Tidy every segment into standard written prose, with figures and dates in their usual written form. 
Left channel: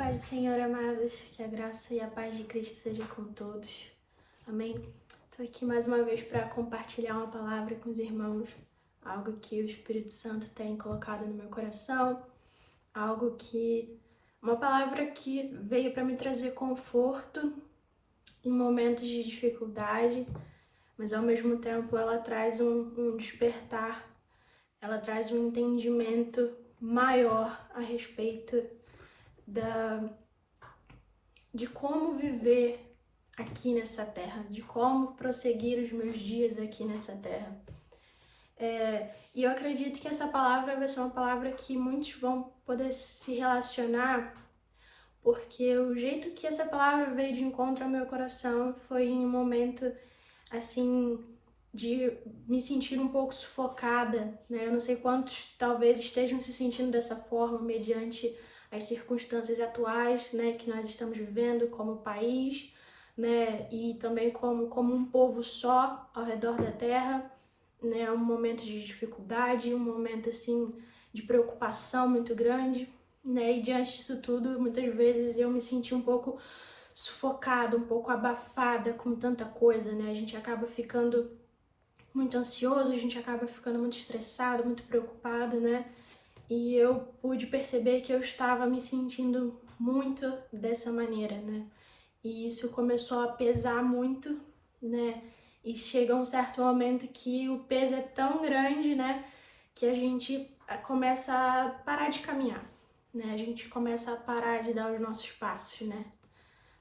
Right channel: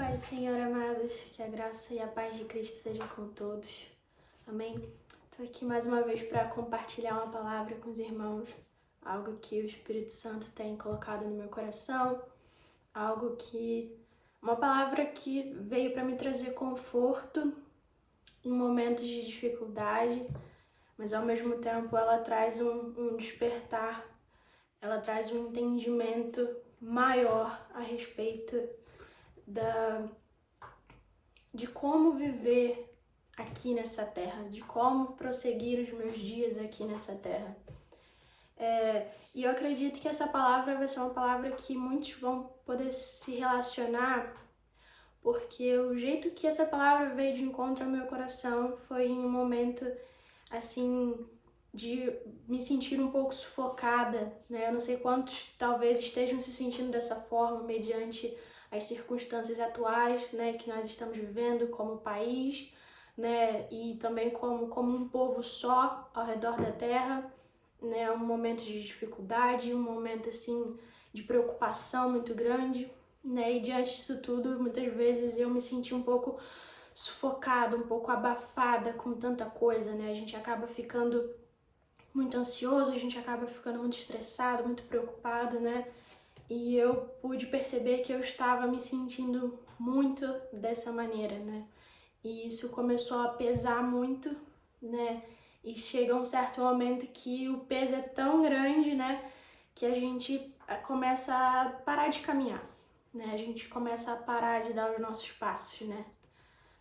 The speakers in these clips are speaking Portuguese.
Paz do Senhor, amados, que a graça e a paz de Cristo seja com todos. Amém? Estou aqui mais uma vez para compartilhar uma palavra com os irmãos, algo que o Espírito Santo tem colocado no meu coração, uma palavra que veio para me trazer conforto em momentos de dificuldade, mas ao mesmo tempo ela traz um despertar, ela traz um entendimento maior a respeito de como viver aqui nessa terra, de como prosseguir os meus dias aqui nessa terra. E eu acredito que essa palavra vai ser uma palavra que muitos vão poder se relacionar, porque o jeito que essa palavra veio de encontro ao meu coração foi em um momento, assim, de me sentir um pouco sufocada, né? Eu não sei quantos talvez estejam se sentindo dessa forma mediante as circunstâncias atuais, né, que nós estamos vivendo como país, né, e também como um povo só ao redor da terra, né, um momento de dificuldade, um momento assim de preocupação muito grande, né, e diante disso tudo, muitas vezes eu me senti um pouco sufocada, um pouco abafada com tanta coisa, né, a gente acaba ficando muito ansioso, a gente acaba ficando muito estressado, muito preocupado, né? E eu pude perceber que eu estava me sentindo muito dessa maneira, né? E isso começou a pesar muito, né? E chega um certo momento que o peso é tão grande, né? Que a gente começa a parar de caminhar, né? A gente começa a parar de dar os nossos passos, né?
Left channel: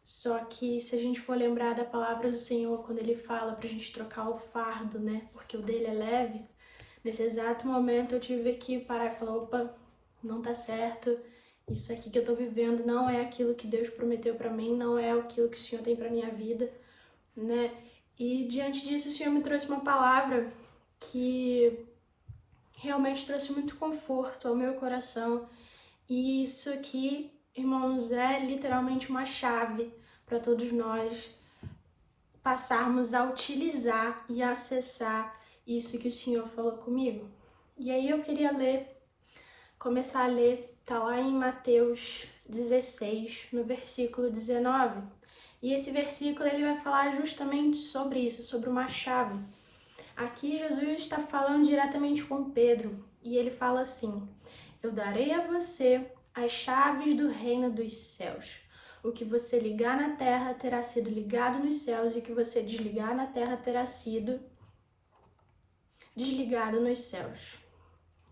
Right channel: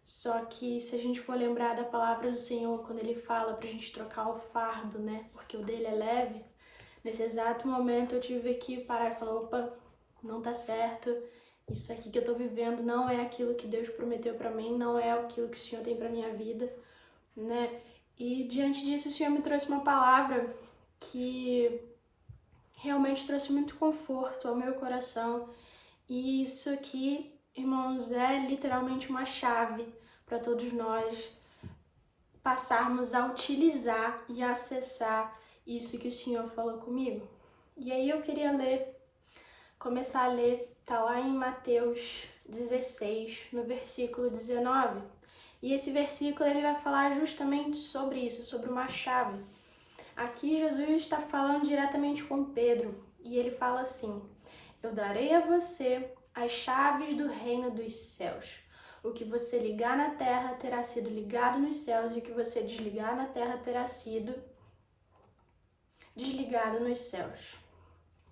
Só que se a gente for lembrar da palavra do Senhor, quando Ele fala pra gente trocar o fardo, né? Porque o dele é leve. Nesse exato momento eu tive que parar e falar, opa, não tá certo. Isso aqui que eu tô vivendo não é aquilo que Deus prometeu pra mim, não é aquilo que o Senhor tem pra minha vida, né? E diante disso o Senhor me trouxe uma palavra que realmente trouxe muito conforto ao meu coração. E isso aqui, irmãos, é literalmente uma chave para todos nós passarmos a utilizar e acessar isso que o Senhor falou comigo. E aí eu queria começar a ler, tá lá em Mateus 16, no versículo 19. E esse versículo ele vai falar justamente sobre isso, sobre uma chave. Aqui Jesus está falando diretamente com Pedro e ele fala assim: eu darei a você as chaves do reino dos céus. O que você ligar na terra terá sido ligado nos céus, e o que você desligar na terra terá sido desligado nos céus.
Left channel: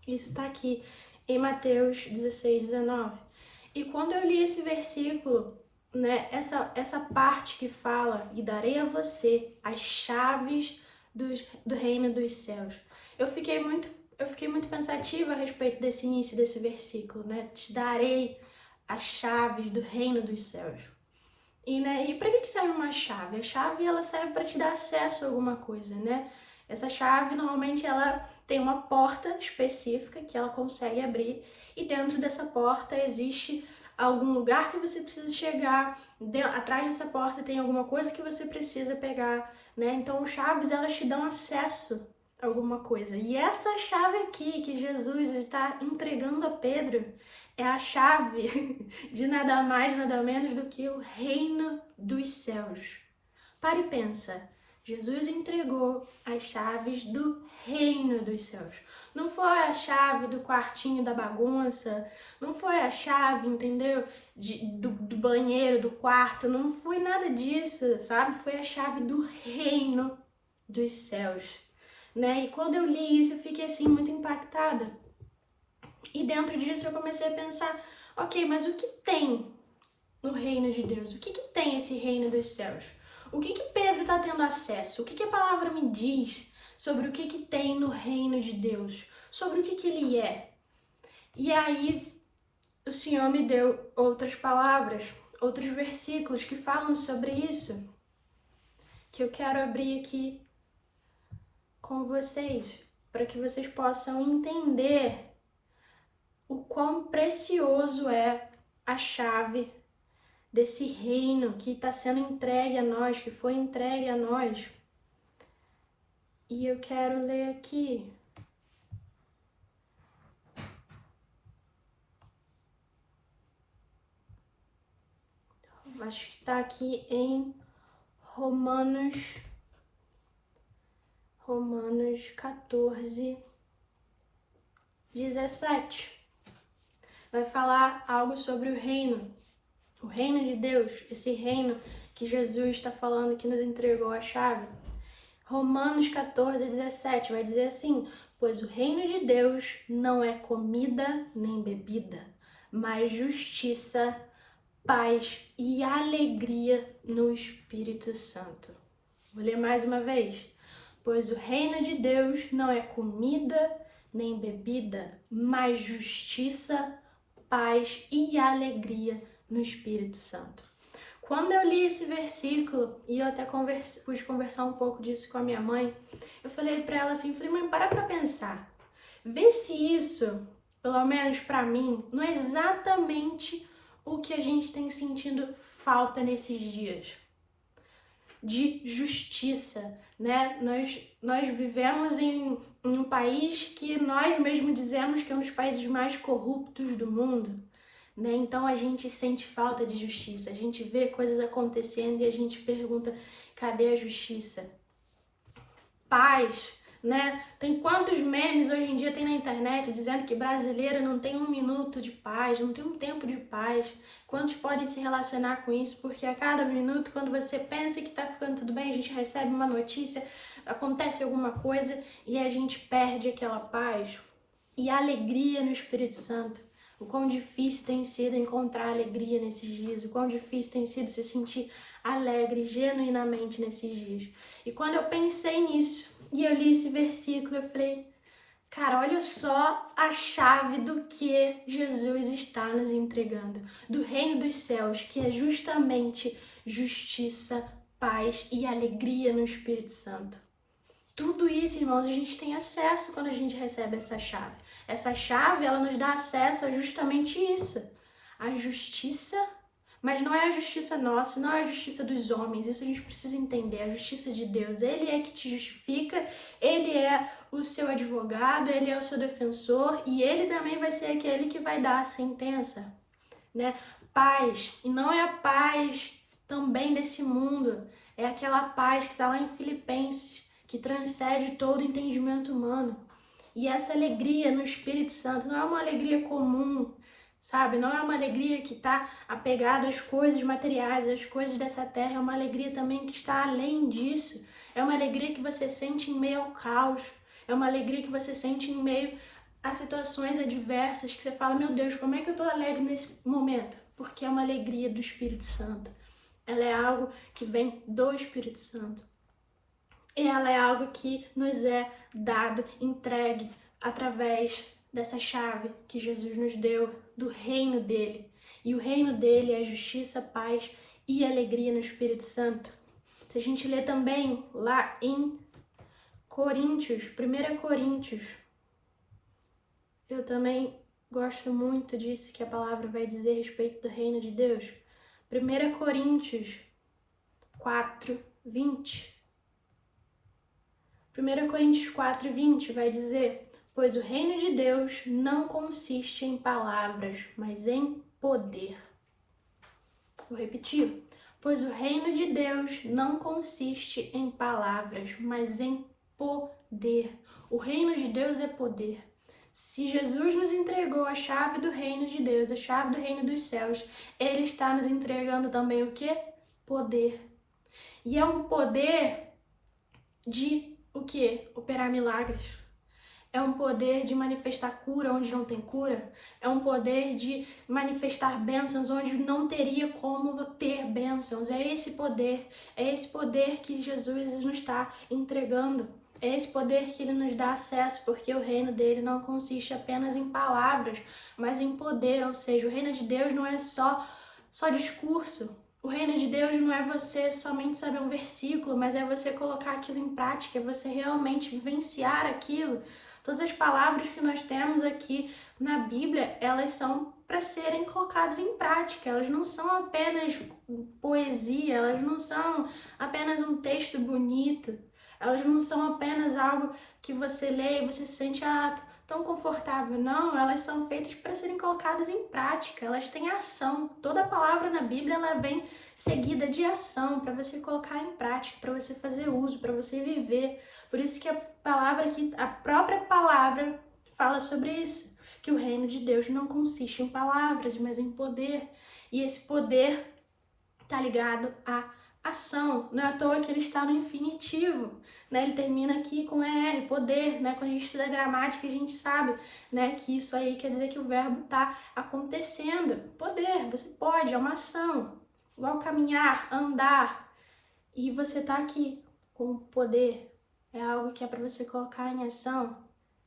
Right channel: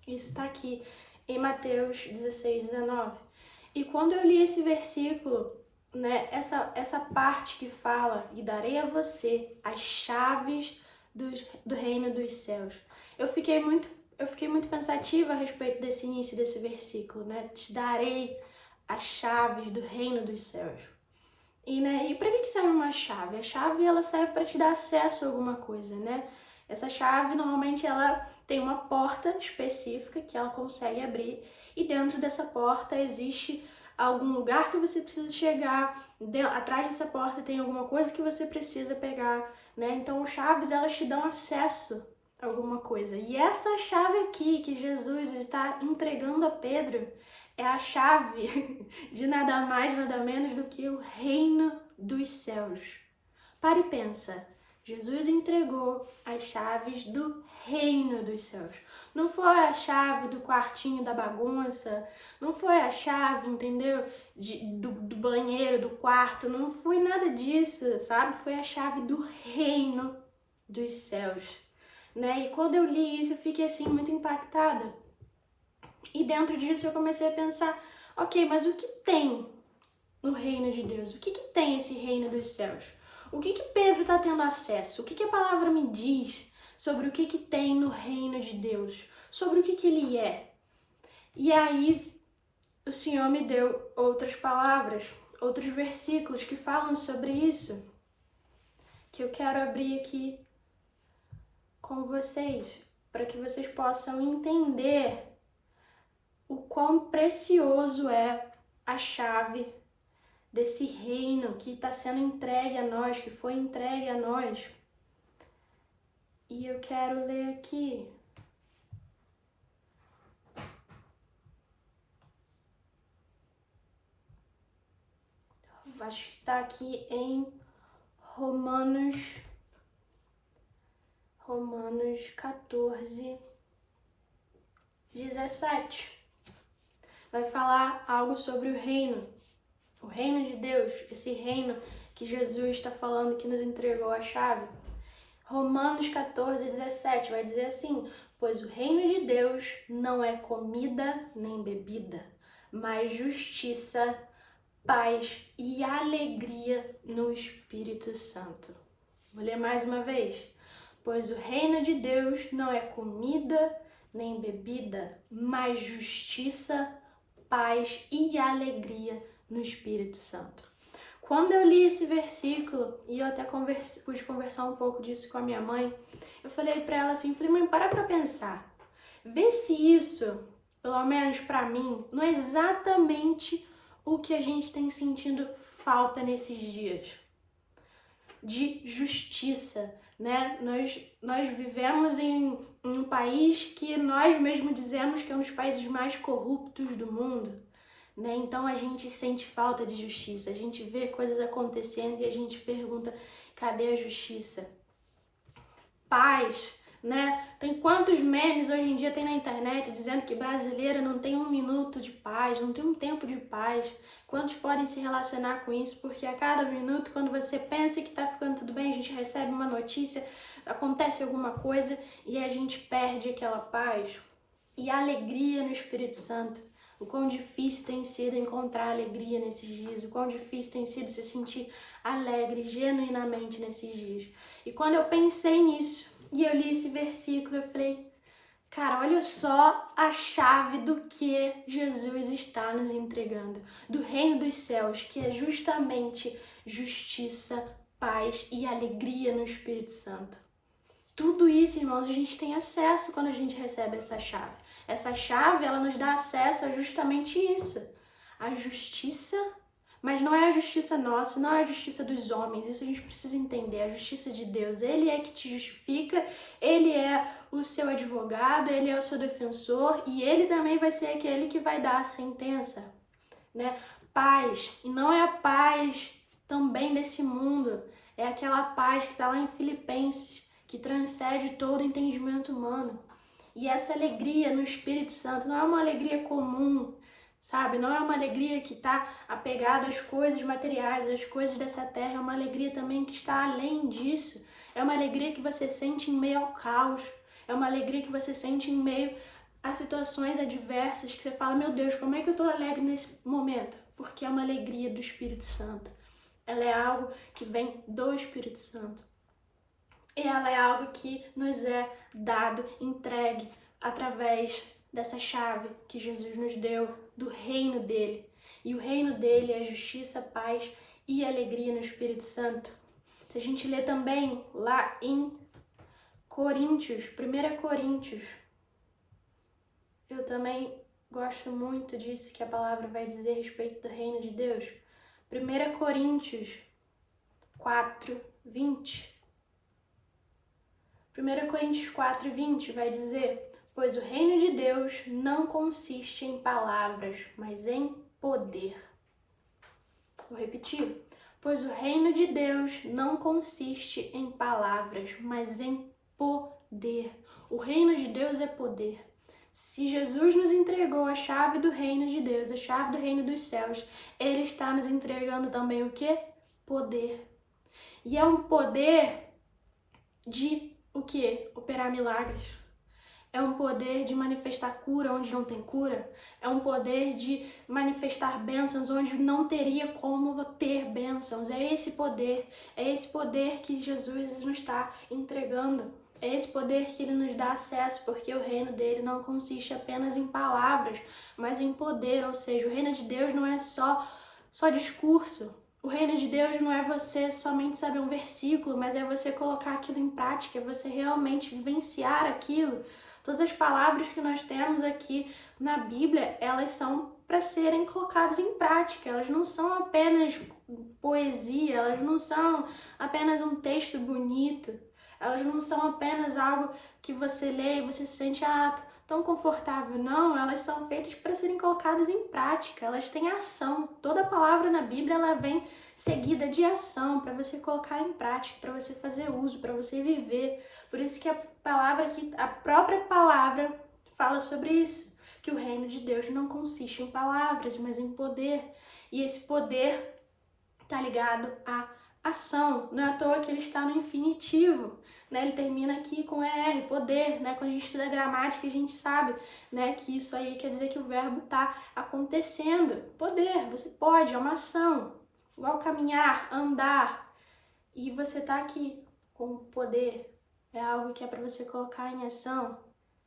Isso está aqui em Mateus 16, 19. E quando eu li esse versículo, né, essa parte que fala, e darei a você as chaves do reino dos céus, eu fiquei muito pensativa a respeito desse início desse versículo, né? Te darei as chaves do reino dos céus. E para que serve uma chave? A chave ela serve para te dar acesso a alguma coisa, né? Essa chave normalmente ela tem uma porta específica que ela consegue abrir e dentro dessa porta existe algum lugar que você precisa chegar, atrás dessa porta tem alguma coisa que você precisa pegar, né? Então, chaves elas te dão acesso a alguma coisa. E essa chave aqui que Jesus está entregando a Pedro é a chave de nada mais, nada menos do que o reino dos céus. Para e pensa, Jesus entregou as chaves do reino dos céus. Não foi a chave do quartinho da bagunça, não foi a chave, entendeu? Do banheiro, do quarto, não foi nada disso, sabe? Foi a chave do reino dos céus, né? E quando eu li isso, eu fiquei assim muito impactada. E dentro disso eu comecei a pensar, ok, mas o que tem no reino de Deus? O que tem esse reino dos céus? O que Pedro está tendo acesso? O que a palavra me diz sobre o que tem no reino de Deus? Sobre o que ele é? E aí o Senhor me deu outras palavras, outros versículos que falam sobre isso, que eu quero abrir aqui com vocês, para que vocês possam entender o quão precioso é a chave desse reino que está sendo entregue a nós, que foi entregue a nós. E eu quero ler aqui. acho que está aqui em Romanos 14, 17. Vai falar algo sobre o reino de Deus, esse reino que Jesus está falando que nos entregou a chave. Romanos 14, 17 vai dizer assim: pois o reino de Deus não é comida nem bebida, mas justiça, paz e alegria no Espírito Santo. Vou ler mais uma vez. Pois o reino de Deus não é comida nem bebida, mas justiça, paz e alegria no Espírito Santo. Quando eu li esse versículo, e eu até pude conversar um pouco disso com a minha mãe, eu falei pra ela assim, falei, mãe, para pra pensar. Vê se isso, pelo menos pra mim, não é exatamente o que a gente tem sentido falta nesses dias. De justiça, né? Nós vivemos em um país que nós mesmos dizemos que é um dos países mais corruptos do mundo, né? Então a gente sente falta de justiça, a gente vê coisas acontecendo e a gente pergunta, cadê a justiça? Paz, né? Tem quantos memes hoje em dia tem na internet dizendo que brasileiro não tem um minuto de paz, não tem um tempo de paz. Quantos podem se relacionar com isso? Porque a cada minuto, quando você pensa que tá ficando tudo bem, a gente recebe uma notícia, acontece alguma coisa e a gente perde aquela paz e alegria no Espírito Santo. O quão difícil tem sido encontrar alegria nesses dias, o quão difícil tem sido se sentir alegre genuinamente nesses dias. E quando eu pensei nisso e eu li esse versículo, eu falei, cara, olha só a chave do que Jesus está nos entregando, do reino dos céus, que é justamente justiça, paz e alegria no Espírito Santo. Tudo isso, irmãos, a gente tem acesso quando a gente recebe essa chave. Essa chave, ela nos dá acesso a justamente isso. A justiça, mas não é a justiça nossa, não é a justiça dos homens. Isso a gente precisa entender. A justiça de Deus. Ele é que te justifica, Ele é o seu advogado, Ele é o seu defensor e Ele também vai ser aquele que vai dar a sentença, né? Paz. E não é a paz também desse mundo. É aquela paz que está lá em Filipenses, que transcende todo entendimento humano. E essa alegria no Espírito Santo não é uma alegria comum, sabe? Não é uma alegria que está apegada às coisas materiais, às coisas dessa terra. É uma alegria também que está além disso. É uma alegria que você sente em meio ao caos. É uma alegria que você sente em meio a situações adversas que você fala, meu Deus, como é que eu tô alegre nesse momento? Porque é uma alegria do Espírito Santo. Ela é algo que vem do Espírito Santo. E ela é algo que nos é dado, entregue, através dessa chave que Jesus nos deu, do reino dele. E o reino dele é justiça, paz e alegria no Espírito Santo. Se a gente ler também lá em Coríntios, 1 Coríntios, eu também gosto muito disso que a palavra vai dizer a respeito do reino de Deus. 1 Coríntios 4, 20. 1 Coríntios 4, 20 vai dizer, pois o reino de Deus não consiste em palavras, mas em poder. Vou repetir. Pois o reino de Deus não consiste em palavras, mas em poder. O reino de Deus é poder. Se Jesus nos entregou a chave do reino de Deus, a chave do reino dos céus, Ele está nos entregando também o quê? Poder. E é um poder de o quê? Operar milagres. É um poder de manifestar cura onde não tem cura. É um poder de manifestar bênçãos onde não teria como ter bênçãos. É esse poder que Jesus nos está entregando. É esse poder que Ele nos dá acesso, porque o reino dele não consiste apenas em palavras, mas em poder. Ou seja, o reino de Deus não é só discurso. O reino de Deus não é você somente saber um versículo, mas é você colocar aquilo em prática, é você realmente vivenciar aquilo. Todas as palavras que nós temos aqui na Bíblia, elas são para serem colocadas em prática. Elas não são apenas poesia, elas não são apenas um texto bonito, elas não são apenas algo que você lê e você se sente, tão confortável, não. Elas são feitas para serem colocadas em prática, elas têm ação. Toda palavra na Bíblia, ela vem seguida de ação, para você colocar em prática, para você fazer uso, para você viver. Por isso que a própria palavra fala sobre isso, que o reino de Deus não consiste em palavras, mas em poder. E esse poder tá ligado à ação. Não é à toa que ele está no infinitivo, né? Ele termina aqui com ER, poder, né? Quando a gente estuda gramática, a gente sabe, né, que isso aí quer dizer que o verbo tá acontecendo. Poder, você pode, é uma ação. Igual caminhar, andar. E você tá aqui com poder. É algo que é para você colocar em ação.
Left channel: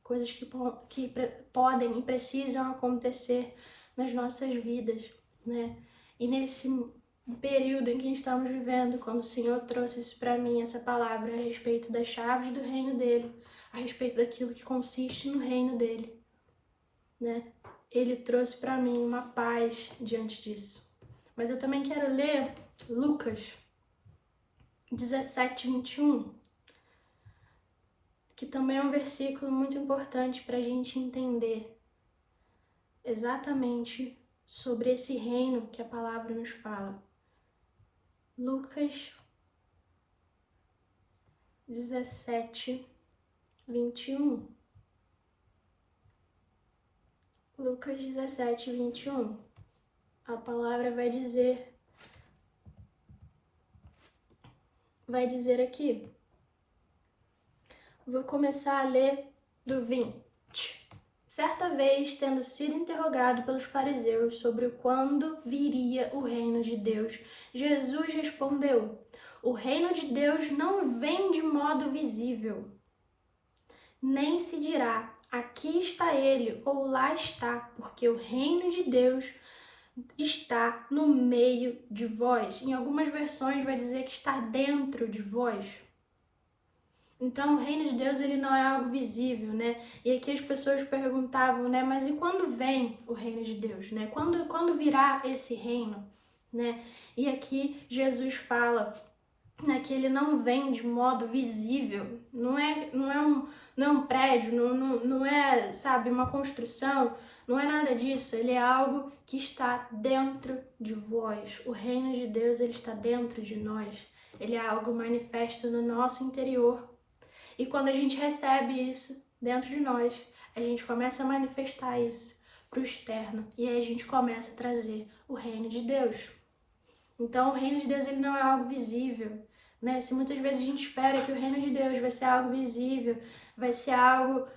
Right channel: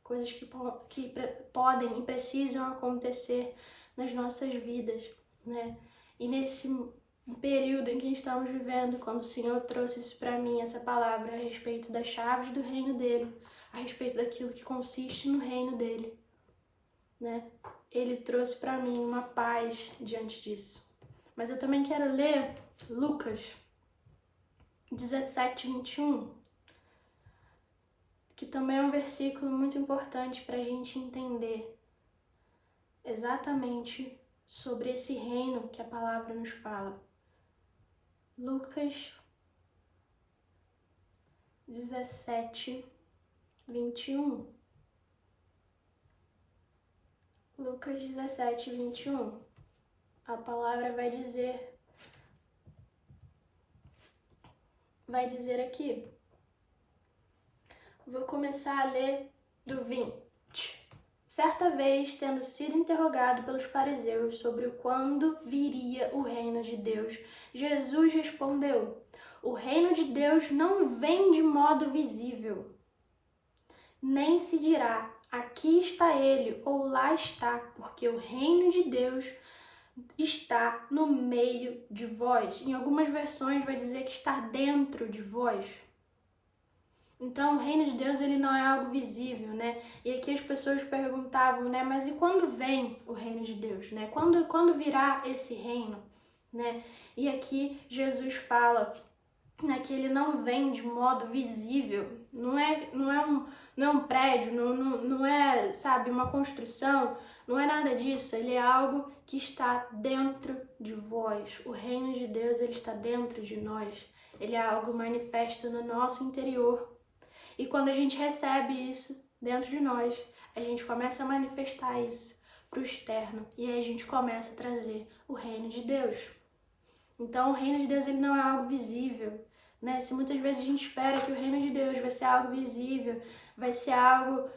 Coisas que podem e precisam acontecer nas nossas vidas, né? E nesse período em que estamos vivendo, quando o Senhor trouxe isso para mim, essa palavra a respeito das chaves do reino dele, a respeito daquilo que consiste no reino dele, né? Ele trouxe para mim uma paz diante disso. Mas eu também quero ler Lucas 17:21, que também é um versículo muito importante para a gente entender exatamente sobre esse reino que a palavra nos fala. Lucas 17:21. Lucas 17:21. A palavra vai dizer aqui. Vou começar a ler do 20. Certa vez, tendo sido interrogado pelos fariseus sobre quando viria o reino de Deus, Jesus respondeu: o reino de Deus não vem de modo visível, nem se dirá, aqui está ele ou lá está, porque o reino de Deus está no meio de vós. Em algumas versões vai dizer que está dentro de vós. Então, o reino de Deus, ele não é algo visível, né? E aqui as pessoas perguntavam, né? Mas e quando vem o reino de Deus, né? Quando virá esse reino, né? E aqui Jesus fala, né, que ele não vem de modo visível. Não é um prédio, não é, sabe, uma construção. Não é nada disso. Ele é algo que está dentro de vós. O reino de Deus, ele está dentro de nós. Ele é algo manifesto no nosso interior. E quando a gente recebe isso dentro de nós, a gente começa a manifestar isso para o externo. E aí a gente começa a trazer o reino de Deus. Então, o reino de Deus, ele não é algo visível, né? Se muitas vezes a gente espera que o reino de Deus vai ser algo visível, vai ser algo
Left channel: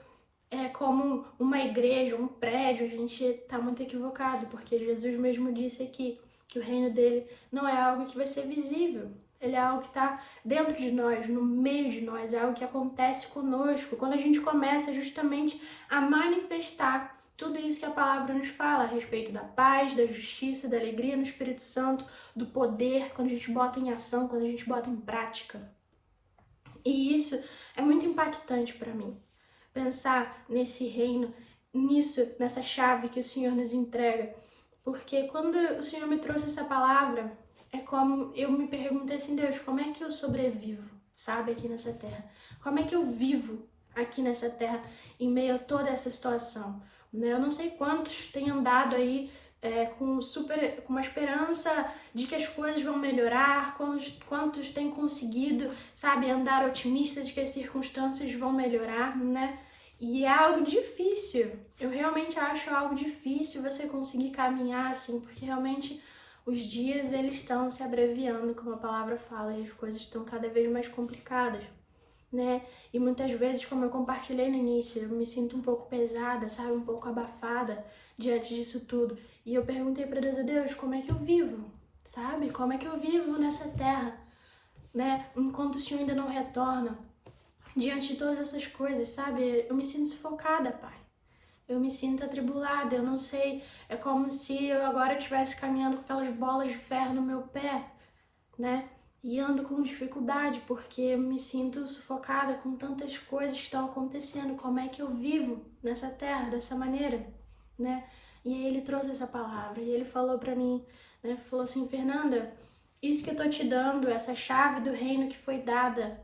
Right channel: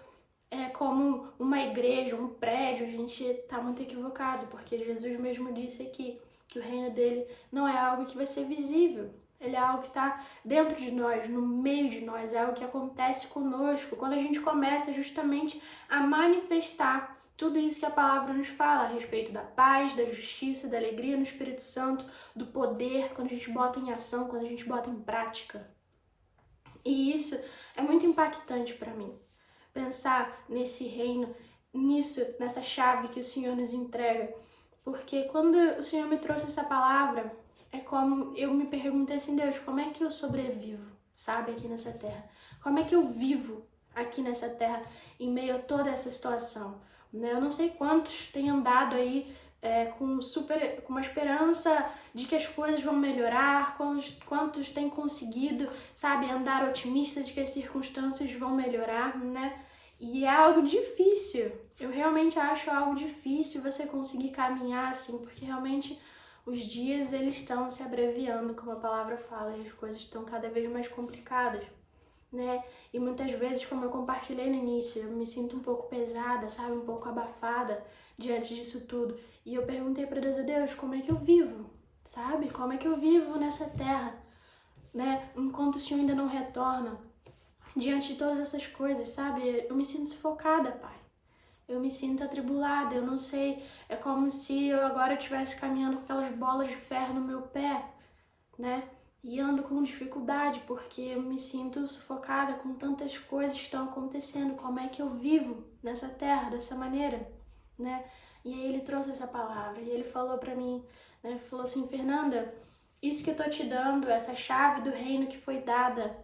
como uma igreja, um prédio, a gente está muito equivocado, porque Jesus mesmo disse aqui que o reino dele não é algo que vai ser visível. Ele é algo que está dentro de nós, no meio de nós, é algo que acontece conosco, quando a gente começa justamente a manifestar tudo isso que a palavra nos fala a respeito da paz, da justiça, da alegria no Espírito Santo, do poder, quando a gente bota em ação, quando a gente bota em prática. E isso é muito impactante para mim, pensar nesse reino, nessa chave que o Senhor nos entrega, porque quando o Senhor me trouxe essa palavra, é como eu me perguntei assim, Deus, como é que eu sobrevivo, sabe, aqui nessa terra? Como é que eu vivo aqui nessa terra em meio a toda essa situação? Né? Eu não sei quantos têm andado aí com uma esperança de que as coisas vão melhorar, quantos têm conseguido, sabe, andar otimista de que as circunstâncias vão melhorar, né? E é algo difícil. Eu realmente acho algo difícil você conseguir caminhar assim, porque realmente os dias eles estão se abreviando, como a palavra fala, e as coisas estão cada vez mais complicadas, né? E muitas vezes, como eu compartilhei no início, eu me sinto um pouco pesada, sabe? Um pouco abafada diante disso tudo. E eu perguntei para Deus, como é que eu vivo? Sabe? Como é que eu vivo nessa terra, né? Enquanto o Senhor ainda não retorna. Diante de todas essas coisas, sabe? Eu me sinto sufocada, Pai. Eu me sinto atribulada, eu não sei, é como se eu agora estivesse caminhando com aquelas bolas de ferro no meu pé, né? E ando com dificuldade, porque eu me sinto sufocada com tantas coisas que estão acontecendo. Como é que eu vivo nessa terra dessa maneira, né? E aí ele trouxe essa palavra, e ele falou pra mim, né? Falou assim, Fernanda, isso que eu tô te dando, essa chave do reino que foi dada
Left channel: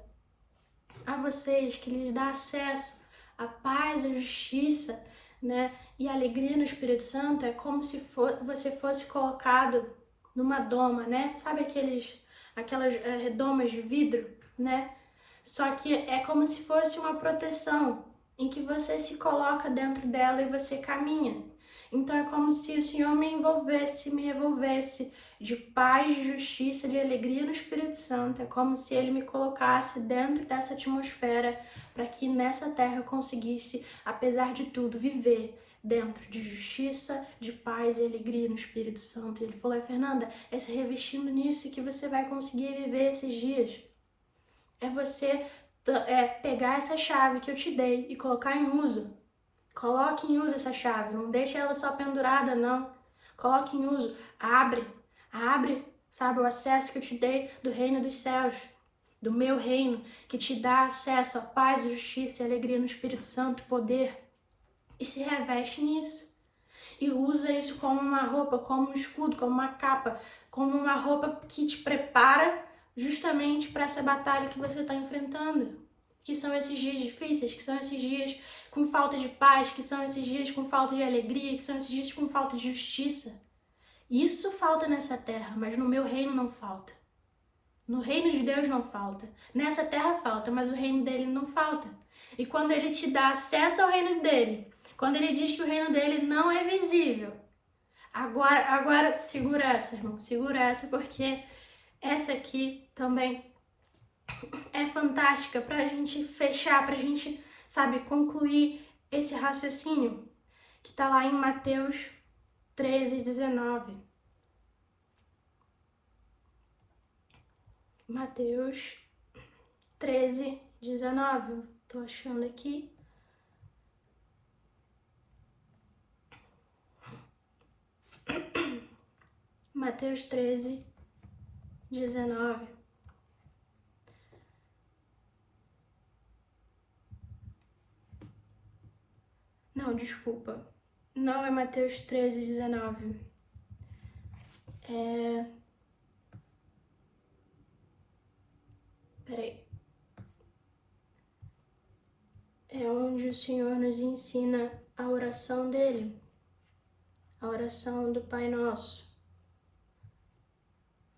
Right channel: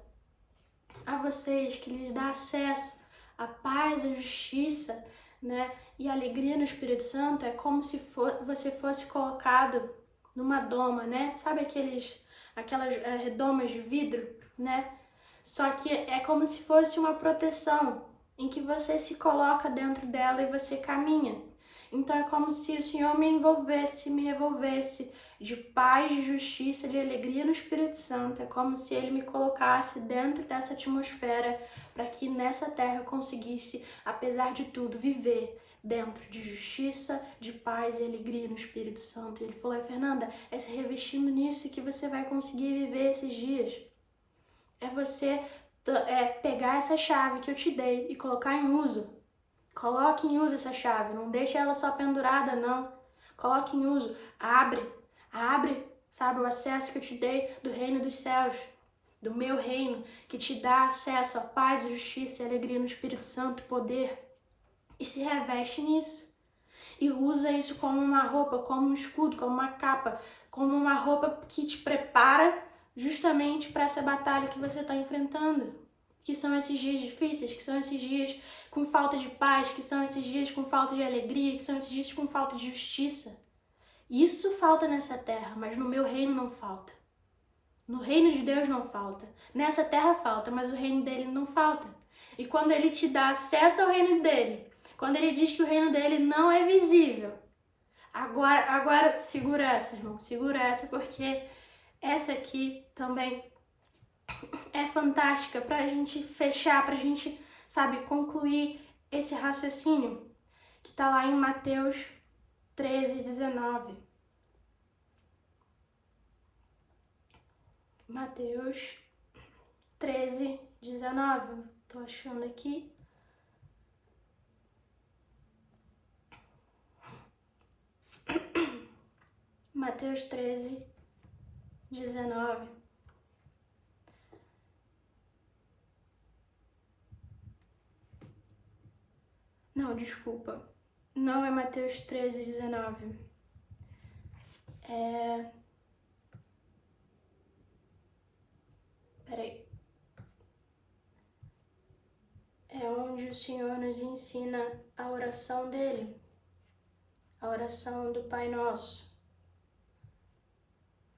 a vocês, que lhes dá acesso a paz, a justiça, né, e a alegria no Espírito Santo é como se você fosse colocado numa doma, né? Sabe aquelas domas de vidro, né? Só que é como se fosse uma proteção em que você se coloca dentro dela e você caminha. Então é como se o Senhor me envolvesse, me revolvesse de paz, de justiça, de alegria no Espírito Santo. É como se Ele me colocasse dentro dessa atmosfera para que nessa terra eu conseguisse, apesar de tudo, viver dentro de justiça, de paz e alegria no Espírito Santo. E Ele falou, Fernanda, é se revestindo nisso que você vai conseguir viver esses dias. É você pegar essa chave que eu te dei e colocar em uso. Coloque em uso essa chave, não deixe ela só pendurada, não. Coloque em uso, abre, sabe, o acesso que eu te dei do reino dos céus, do meu reino, que te dá acesso à paz, justiça e alegria no Espírito Santo, poder, e se reveste nisso. E usa isso como uma roupa, como um escudo, como uma capa, como uma roupa que te prepara justamente para essa batalha que você está enfrentando. Que são esses dias difíceis, que são esses dias com falta de paz, que são esses dias com falta de alegria, que são esses dias com falta de justiça. Isso falta nessa terra, mas no meu reino não falta. No reino de Deus não falta. Nessa terra falta, mas o reino dele não falta. E quando ele te dá acesso ao reino dele, quando ele diz que o reino dele não é visível, agora segura essa, irmão, segura essa, porque essa aqui também é fantástica pra gente fechar, pra gente, sabe, concluir esse raciocínio que tá lá em Mateus 13:19. Mateus 13:19. Tô achando aqui. Mateus 13:19. Não, desculpa. Não é Mateus 13:19. Peraí. É onde o Senhor nos ensina a oração dele. A oração do Pai Nosso.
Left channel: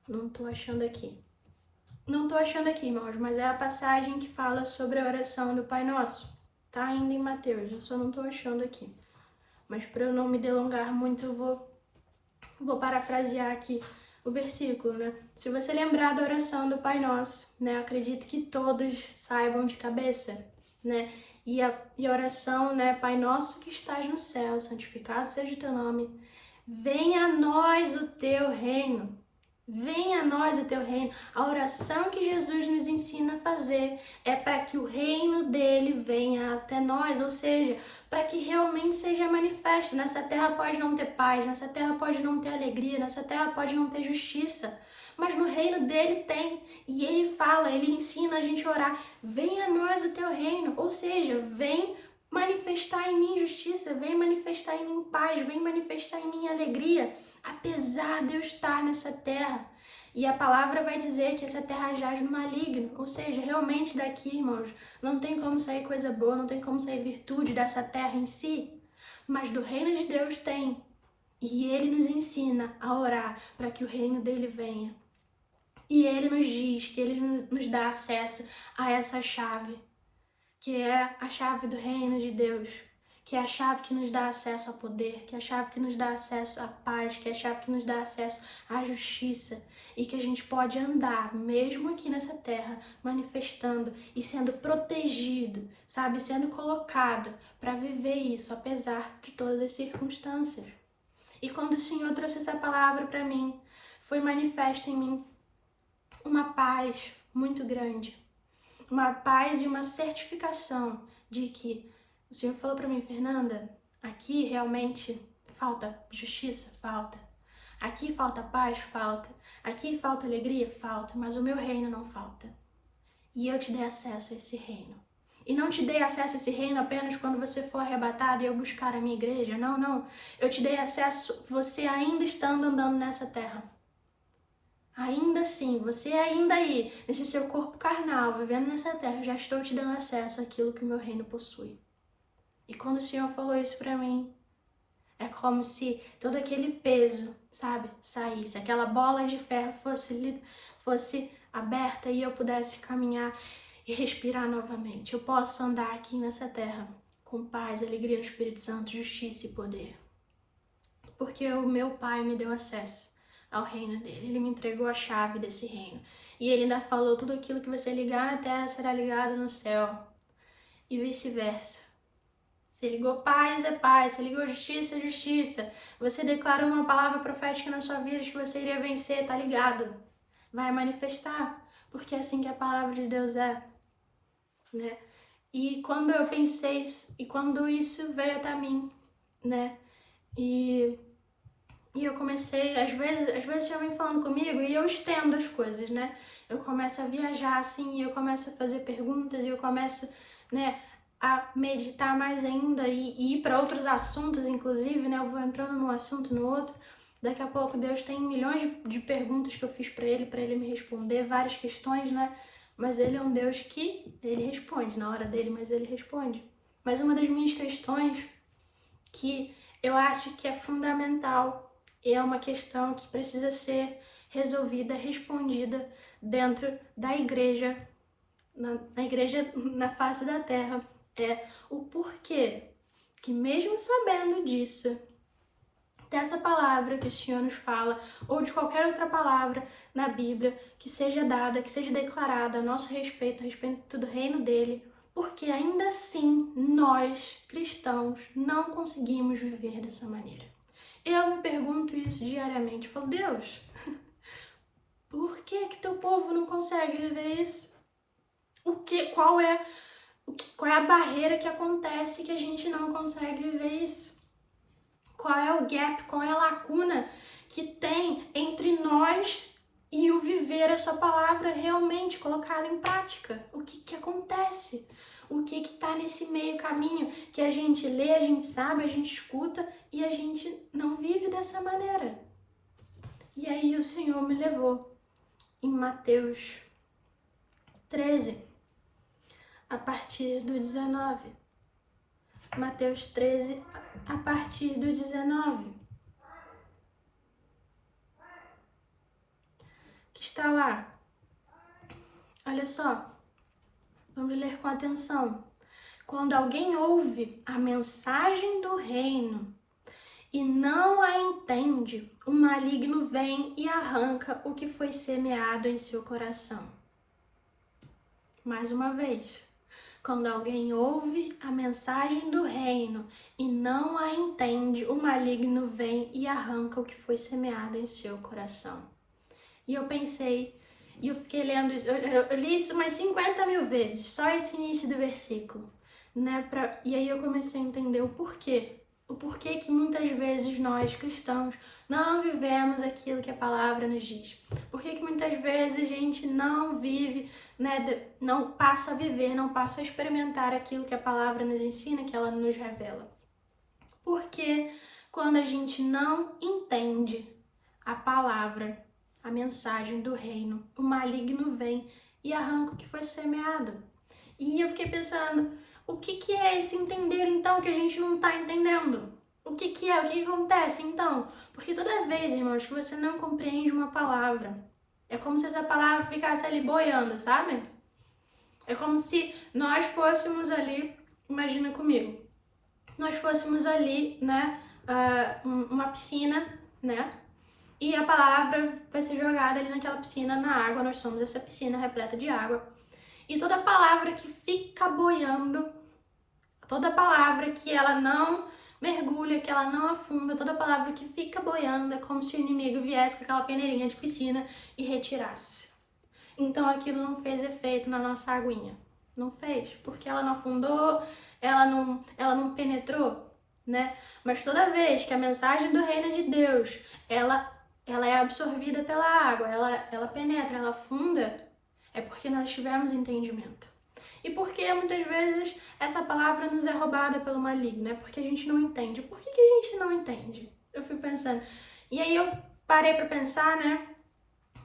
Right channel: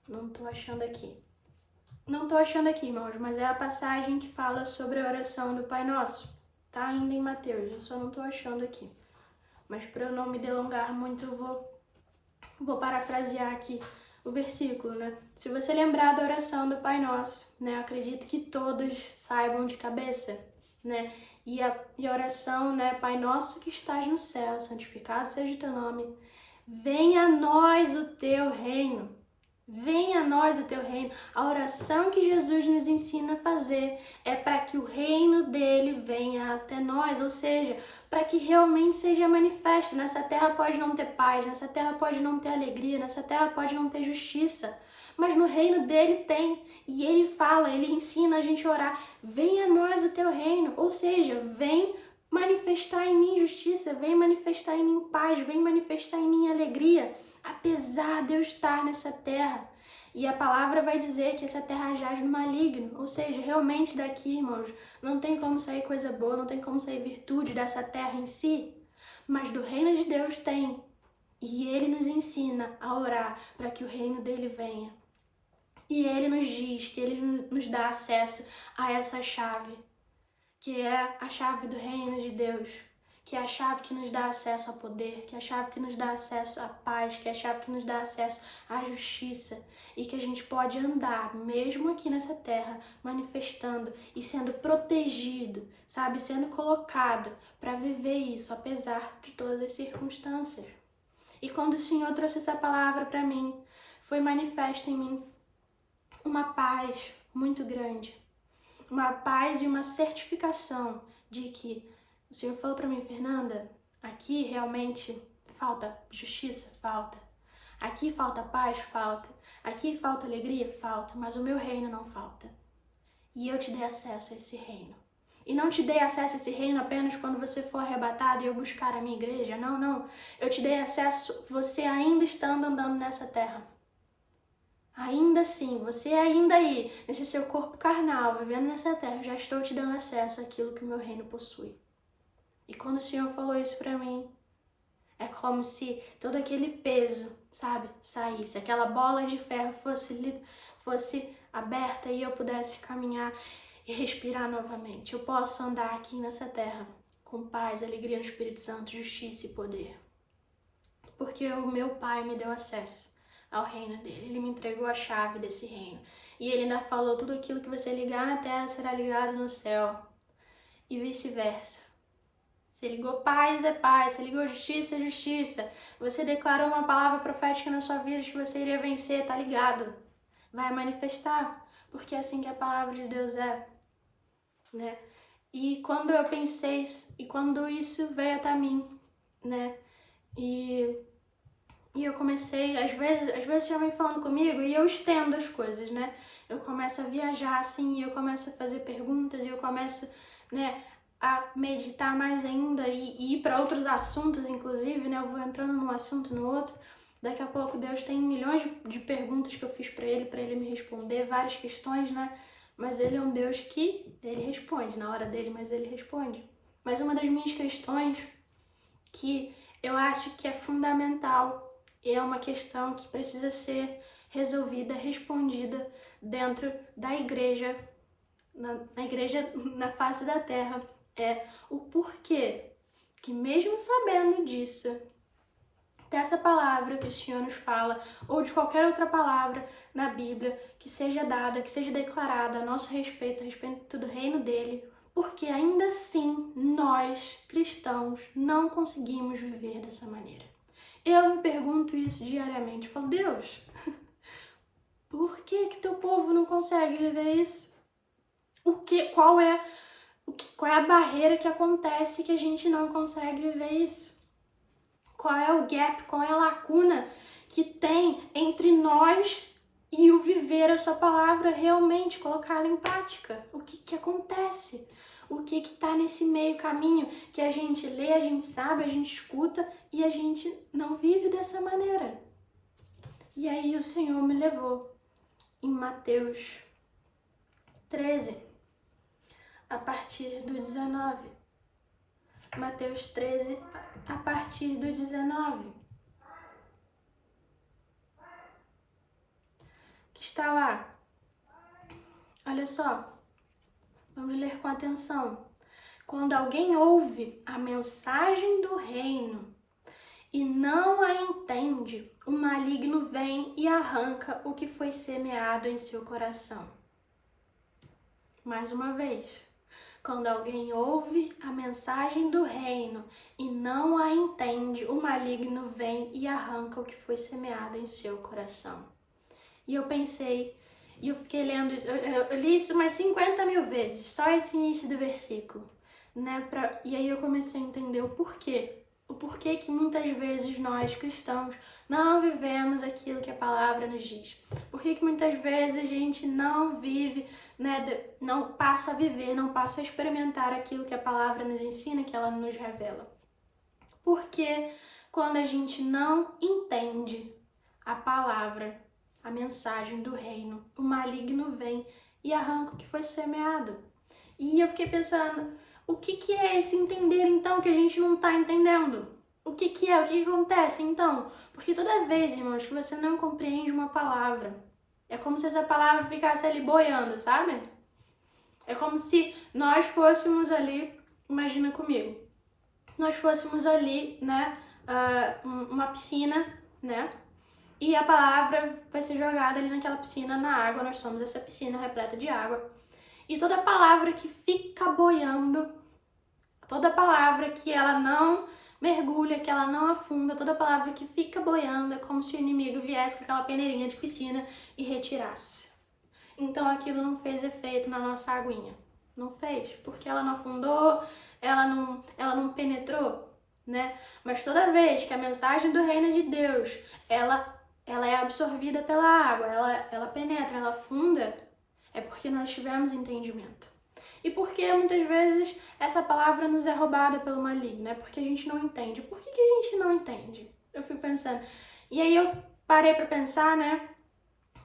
Não tô achando aqui. Não tô achando aqui, irmãos, mas é a passagem que fala sobre a oração do Pai Nosso. Tá ainda em Mateus, eu só não tô achando aqui. Mas para eu não me delongar muito, eu vou parafrasear aqui o versículo, né? Se você lembrar da oração do Pai Nosso, né? Acredito que todos saibam de cabeça, né? E a oração, né? Pai Nosso que estás no céu, santificado seja o teu nome. Venha a nós o teu reino. Venha a nós o teu reino. A oração que Jesus nos ensina a fazer é para que o reino dele venha até nós, ou seja, para que realmente seja manifesto. Nessa terra pode não ter paz, nessa terra pode não ter alegria, nessa terra pode não ter justiça, mas no reino dele tem. E ele fala, ele ensina a gente a orar, venha a nós o teu reino, ou seja, vem manifestar em mim justiça, vem manifestar em mim paz, vem manifestar em mim alegria, apesar de eu estar nessa terra. E a palavra vai dizer que essa terra jaz no maligno, ou seja, realmente daqui, irmãos, não tem como sair coisa boa, não tem como sair virtude dessa terra em si, mas do reino de Deus tem. E ele nos ensina a orar para que o reino dele venha. E ele nos diz que ele nos dá acesso a essa chave, que é a chave do reino de Deus, que é a chave que nos dá acesso ao poder, que é a chave que nos dá acesso à paz, que é a chave que nos dá acesso à justiça, e que a gente pode andar, mesmo aqui nessa terra, manifestando e sendo protegido, sabe, sendo colocado para viver isso, apesar de todas as circunstâncias. E quando o Senhor trouxe essa palavra para mim, foi manifesta em mim uma paz muito grande, uma paz e uma certificação de que o Senhor falou para mim, Fernanda, aqui realmente falta justiça? Falta. Aqui falta paz? Falta. Aqui falta alegria? Falta. Mas o meu reino não falta. E eu te dei acesso a esse reino. E não te dei acesso a esse reino apenas quando você for arrebatado e eu buscar a minha igreja. Não, não. Eu te dei acesso você ainda estando andando nessa terra. Ainda assim, você ainda aí, nesse seu corpo carnal, vivendo nessa terra, eu já estou te dando acesso àquilo que o meu reino possui. E quando o Senhor falou isso pra mim, é como se todo aquele peso, sabe, saísse. Aquela bola de ferro fosse aberta e eu pudesse caminhar e respirar novamente. Eu posso andar aqui nessa terra com paz, alegria no Espírito Santo, justiça e poder. Porque o meu Pai me deu acesso ao reino dele. Ele me entregou a chave desse reino. E ele ainda falou: tudo aquilo que você ligar na terra será ligado no céu. E vice-versa. Você ligou paz, é paz. Você ligou justiça, é justiça. Você declarou uma palavra profética na sua vida de que você iria vencer, tá ligado? Vai manifestar. Porque é assim que a palavra de Deus é, né? E quando eu pensei isso, e quando isso veio até mim, né? E eu comecei, às vezes já vem falando comigo e eu estendo as coisas, né? Eu começo a viajar assim, eu começo a fazer perguntas e eu começo, né, a meditar mais ainda e ir para outros assuntos, inclusive, né? Eu vou entrando num assunto no outro. Daqui a pouco Deus tem milhões de perguntas que eu fiz para ele me responder, várias questões, né? Mas ele é um Deus que ele responde na hora dele, mas ele responde. Mas uma das minhas questões que eu acho que é fundamental e é uma questão que precisa ser resolvida, respondida dentro da igreja, na igreja na face da terra, é o porquê que mesmo sabendo disso, dessa palavra que o Senhor nos fala, ou de qualquer outra palavra na Bíblia que seja dada, que seja declarada a nosso respeito, a respeito do reino dele, porque ainda assim nós, cristãos, não conseguimos viver dessa maneira. Eu me pergunto isso diariamente. Falo: Deus, por que teu povo não consegue viver isso? Qual é a barreira que acontece que a gente não consegue viver isso? Qual é o gap, qual é a lacuna que tem entre nós e o viver a sua palavra, realmente colocá-la em prática? O que acontece? O que tá nesse meio caminho que a gente lê, a gente sabe, a gente escuta e a gente não vive dessa maneira? E aí o Senhor me levou em Mateus 13, a partir do 19. Mateus 13, a partir do 19. Que está lá. Olha só, vamos ler com atenção. Quando alguém ouve a mensagem do reino e não a entende, o maligno vem e arranca o que foi semeado em seu coração. Mais uma vez. Quando alguém ouve a mensagem do reino e não a entende, o maligno vem e arranca o que foi semeado em seu coração. E eu pensei, e eu fiquei lendo isso, eu li isso umas 50 mil vezes, só esse início do versículo, né? E aí eu comecei a entender o porquê. O porquê que muitas vezes nós, cristãos, não vivemos aquilo que a palavra nos diz. Por que muitas vezes a gente não vive, né, não passa a viver, não passa a experimentar aquilo que a palavra nos ensina, que ela nos revela. Porque quando a gente não entende a palavra, a mensagem do reino, o maligno vem e arranca o que foi semeado. E eu fiquei pensando, o que é esse entender então que a gente não tá entendendo? O que é? O que acontece então? Porque toda vez, irmãos, que você não compreende uma palavra, é como se essa palavra ficasse ali boiando, sabe? É como se nós fôssemos ali, imagina comigo, nós fôssemos ali, né, uma piscina, né? E a palavra vai ser jogada ali naquela piscina, na água. Nós somos essa piscina repleta de água. E toda palavra que fica boiando, toda palavra que ela não mergulha, que ela não afunda, toda palavra que fica boiando, é como se o inimigo viesse com aquela peneirinha de piscina e retirasse. Então aquilo não fez efeito na nossa aguinha. Não fez, porque ela não afundou, ela não penetrou, né? Mas toda vez que a mensagem do reino de Deus, ela é absorvida pela água, ela penetra, ela afunda, é porque nós tivemos entendimento. E porque muitas vezes essa palavra nos é roubada pelo maligno, né? Porque a gente não entende. Por que a gente não entende? Eu fico pensando. E aí eu parei pra pensar, né?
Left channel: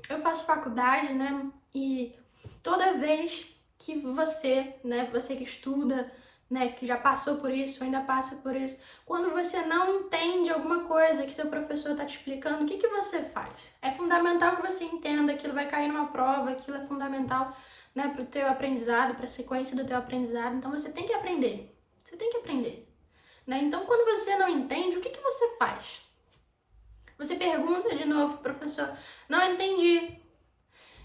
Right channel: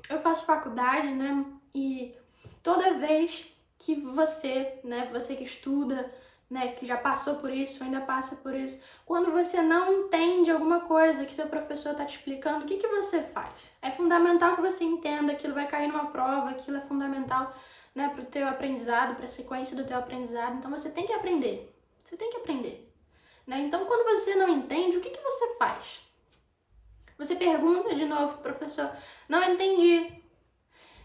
Eu faço faculdade, né? E toda vez que você, né, você que estuda, né, que já passou por isso, ainda passa por isso. Quando você não entende alguma coisa que seu professor está te explicando, o que que você faz? É fundamental que você entenda, aquilo vai cair numa prova, aquilo é fundamental, né, para o teu aprendizado, para a sequência do teu aprendizado. Então você tem que aprender. Você tem que aprender, né? Então quando você não entende, o que que você faz? Você pergunta de novo pro professor, não entendi.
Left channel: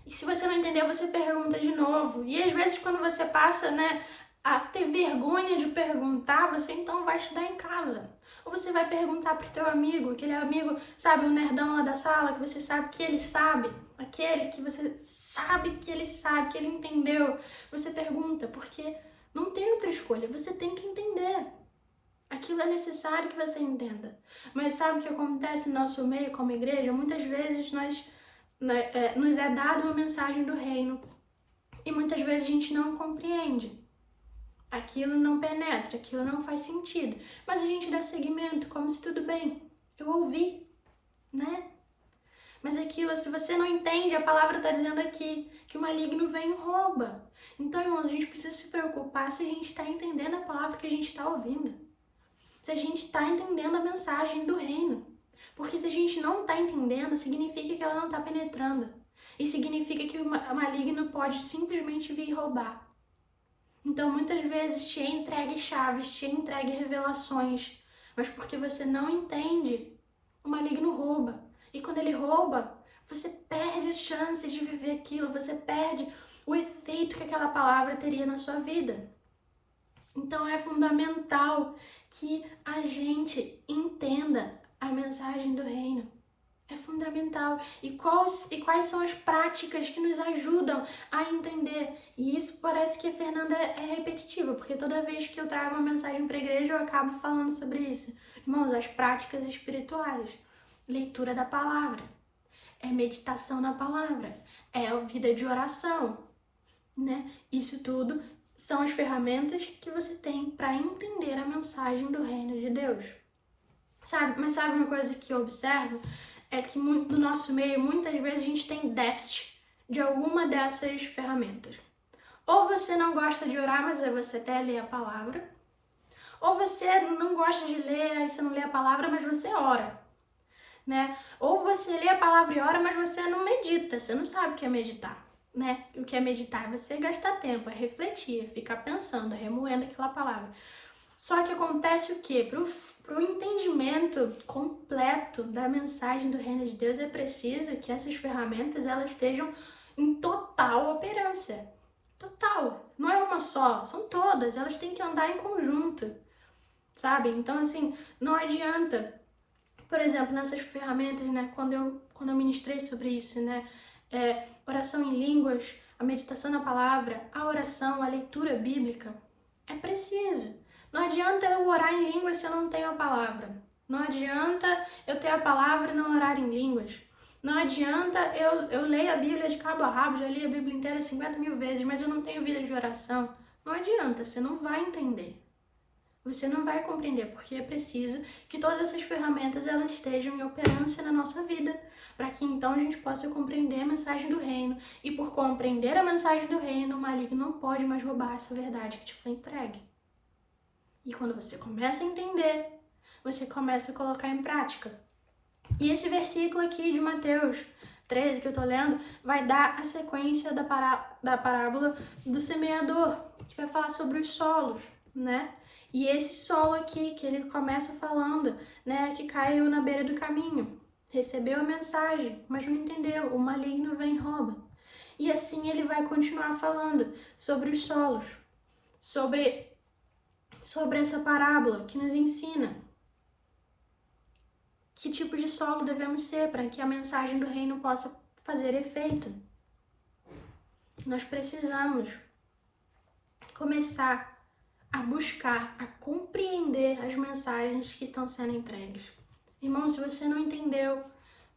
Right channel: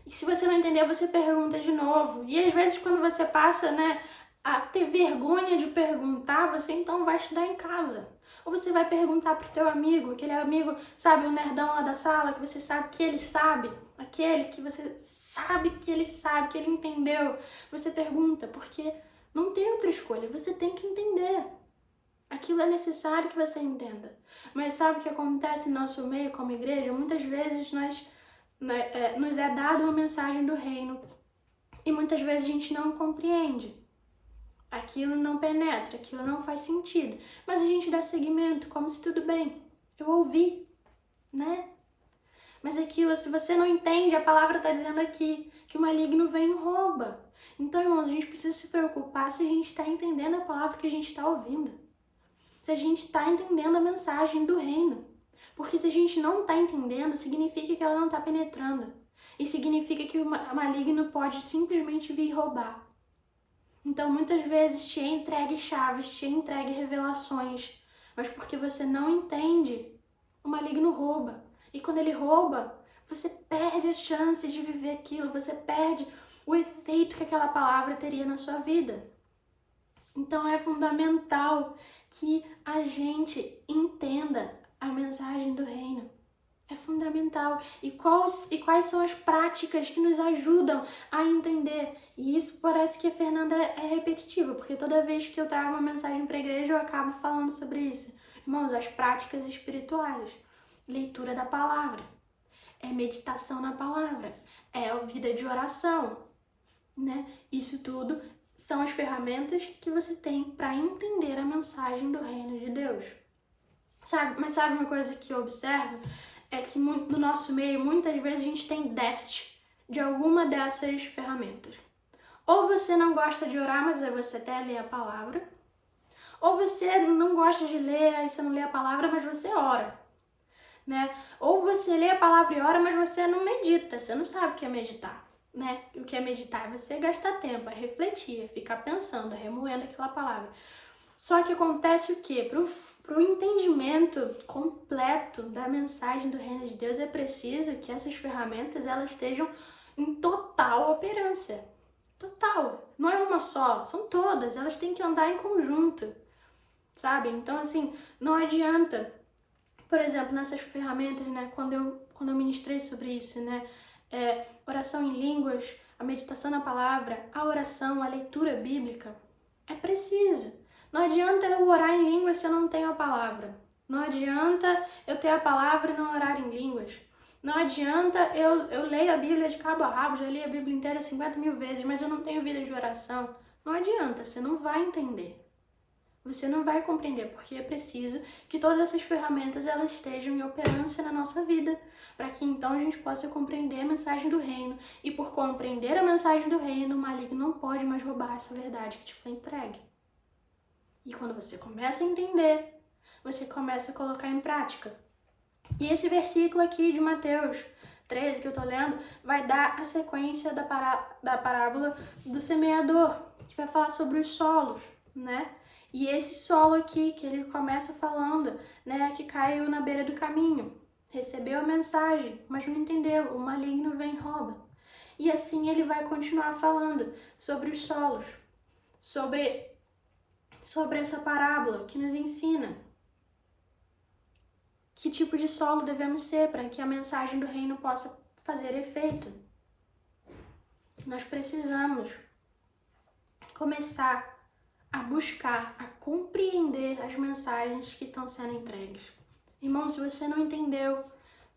E se você não entendeu, você pergunta de novo. E às vezes quando você passa, né, a ter vergonha de perguntar, você então vai estudar em casa. Ou você vai perguntar pro teu amigo, aquele amigo, sabe, o nerdão lá da sala, que você sabe que ele sabe, aquele que você sabe, que ele entendeu. Você pergunta, porque não tem outra escolha, você tem que entender. Aquilo é necessário que você entenda. Mas sabe o que acontece no nosso meio como igreja? Muitas vezes nos é dada uma mensagem do reino e muitas vezes a gente não compreende. Aquilo não penetra, aquilo não faz sentido. Mas a gente dá seguimento, como se tudo bem. Eu ouvi, né? Mas aquilo, se você não entende, a palavra está dizendo aqui que o maligno vem e rouba. Então, irmãos, a gente precisa se preocupar se a gente está entendendo a palavra que a gente está ouvindo. Se a gente está entendendo a mensagem do reino. Porque se a gente não está entendendo, significa que ela não está penetrando. E significa que o maligno pode simplesmente vir roubar. Então, muitas vezes te entregue chaves, te entregue revelações, mas porque você não entende, o maligno rouba. E quando ele rouba, você perde a chance de viver aquilo, você perde o efeito que aquela palavra teria na sua vida. Então, é fundamental que a gente entenda a mensagem do reino. É fundamental. E quais são as práticas que nos ajudam a entender? E isso parece que a Fernanda é repetitiva, porque toda vez que eu trago uma mensagem para a igreja, eu acabo falando sobre isso. Irmãos, as práticas espirituais. Leitura da palavra. É meditação na palavra. É a vida de oração, né? Isso tudo são as ferramentas que você tem para entender a mensagem do reino de Deus. Mas sabe uma coisa que eu observo? É que no nosso meio, muitas vezes, a gente tem déficit de alguma dessas ferramentas. Ou você não gosta de orar, mas você até lê a palavra. Ou você não gosta de ler, aí você não lê a palavra, mas você ora, né? Ou você lê a palavra e ora, mas você não medita, você não sabe o que é meditar, né? O que é meditar é você gastar tempo, é refletir, é ficar pensando, remoendo aquela palavra. Só que acontece o quê? Para o entendimento completo da mensagem do reino de Deus, é preciso que essas ferramentas elas estejam em total operância. Total. Não é uma só, são todas. Elas têm que andar em conjunto, sabe? Então, assim, não adianta. Por exemplo, nessas ferramentas, né? Quando eu ministrei sobre isso, né? Oração em línguas, a meditação na palavra, a oração, a leitura bíblica, é preciso. Não adianta eu orar em línguas se eu não tenho a palavra. Não adianta eu ter a palavra e não orar em línguas. Não adianta eu leio a Bíblia de cabo a rabo, já li a Bíblia inteira 50 mil vezes, mas eu não tenho vida de oração. Não adianta, você não vai entender. Você não vai compreender, porque é preciso que todas essas ferramentas elas estejam em operância na nossa vida, para que então a gente possa compreender a mensagem do reino. E por compreender a mensagem do reino, o maligno não pode mais roubar essa verdade que te foi entregue. E quando você começa a entender, você começa a colocar em prática. E esse versículo aqui de Mateus 13 que eu tô lendo, vai dar a sequência da parábola do semeador, que vai falar sobre os solos, né? E esse solo aqui, que ele começa falando, né, que caiu na beira do caminho, recebeu a mensagem, mas não entendeu, o maligno vem e rouba. E assim ele vai continuar falando sobre os solos, sobre essa parábola que nos ensina que tipo de solo devemos ser para que a mensagem do reino possa fazer efeito. Nós precisamos começar a buscar, a compreender as mensagens que estão sendo entregues. Irmão, se você não entendeu,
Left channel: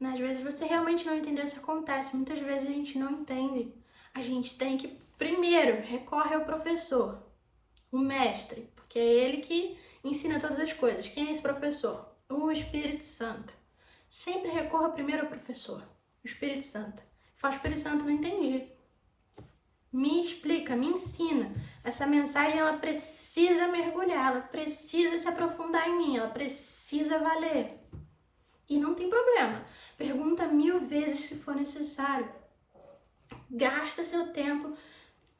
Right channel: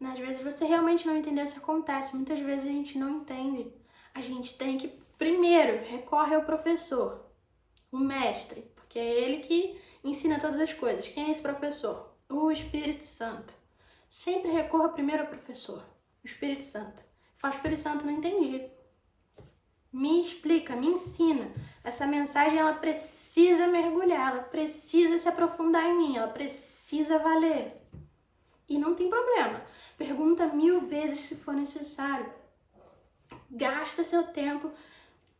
né, às vezes você realmente não entendeu, isso acontece, muitas vezes a gente não entende. A gente tem que, primeiro, recorre ao professor, o mestre, porque é ele que ensina todas as coisas. Quem é esse professor? O Espírito Santo. Sempre recorra primeiro ao professor, o Espírito Santo. Fala, Espírito Santo, não entendi. me explica, me ensina. Essa mensagem, ela precisa mergulhar, ela precisa se aprofundar em mim, ela precisa valer. E não tem problema. Pergunta 1000 vezes se for necessário. Gasta seu tempo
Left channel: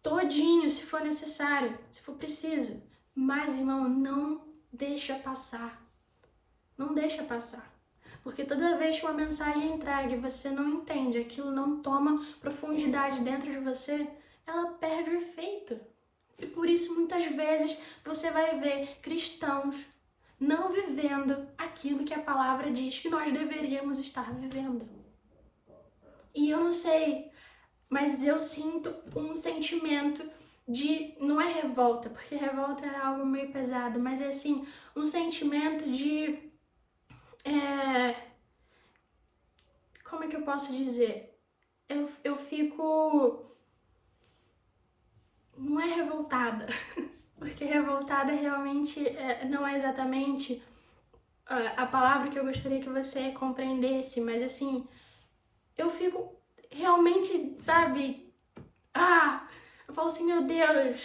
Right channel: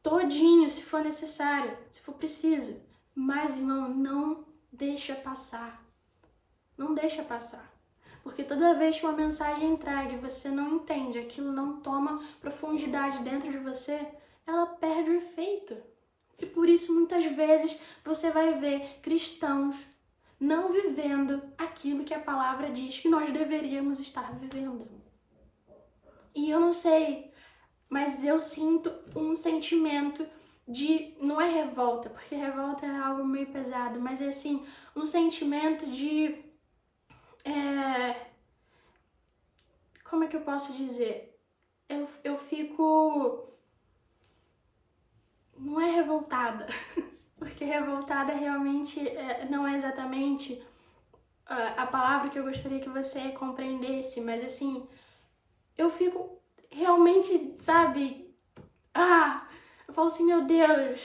todinho se for necessário, se for preciso. Mas, irmão, não deixa passar. Não deixa passar. Porque toda vez que uma mensagem é entregue e você não entende, aquilo não toma profundidade dentro de você, ela perde o efeito. E por isso, muitas vezes, você vai ver cristãos não vivendo aquilo que a palavra diz que nós deveríamos estar vivendo. E eu não sei, mas eu sinto um sentimento de, não é revolta, porque revolta é algo meio pesado, mas é assim, um sentimento de, como é que eu posso dizer? Eu fico, não é revoltada, porque revoltada realmente não é exatamente a palavra que eu gostaria que você compreendesse, mas assim, eu fico realmente, sabe, eu falo assim, meu Deus,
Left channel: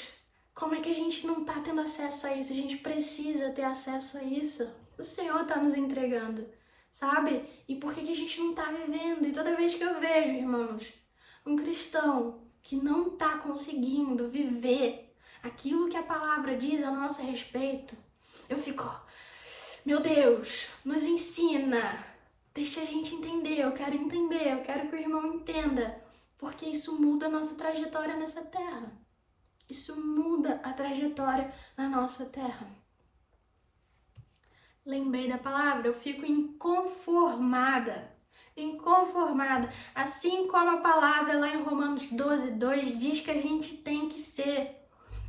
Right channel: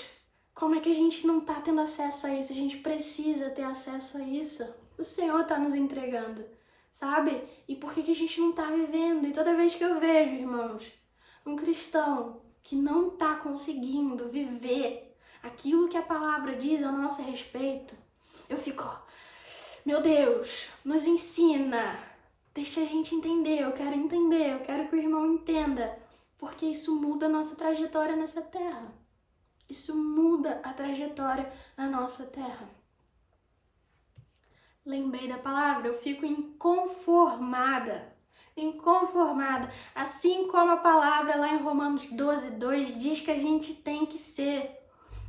como é que a gente não tá tendo acesso a isso? A gente precisa ter acesso a isso. O Senhor tá nos entregando, sabe? E por que que a gente não tá vivendo? E toda vez que eu vejo, irmãos, um cristão que não tá conseguindo viver aquilo que a palavra diz a nosso respeito, eu fico, meu Deus, nos ensina, deixa a gente entender, eu quero que o irmão entenda, porque isso muda a nossa trajetória nessa terra. Isso muda a trajetória na nossa terra. Lembrei da palavra, eu fico inconformada. Inconformada. Assim como a palavra lá em Romanos 12:2 diz que a gente tem que ser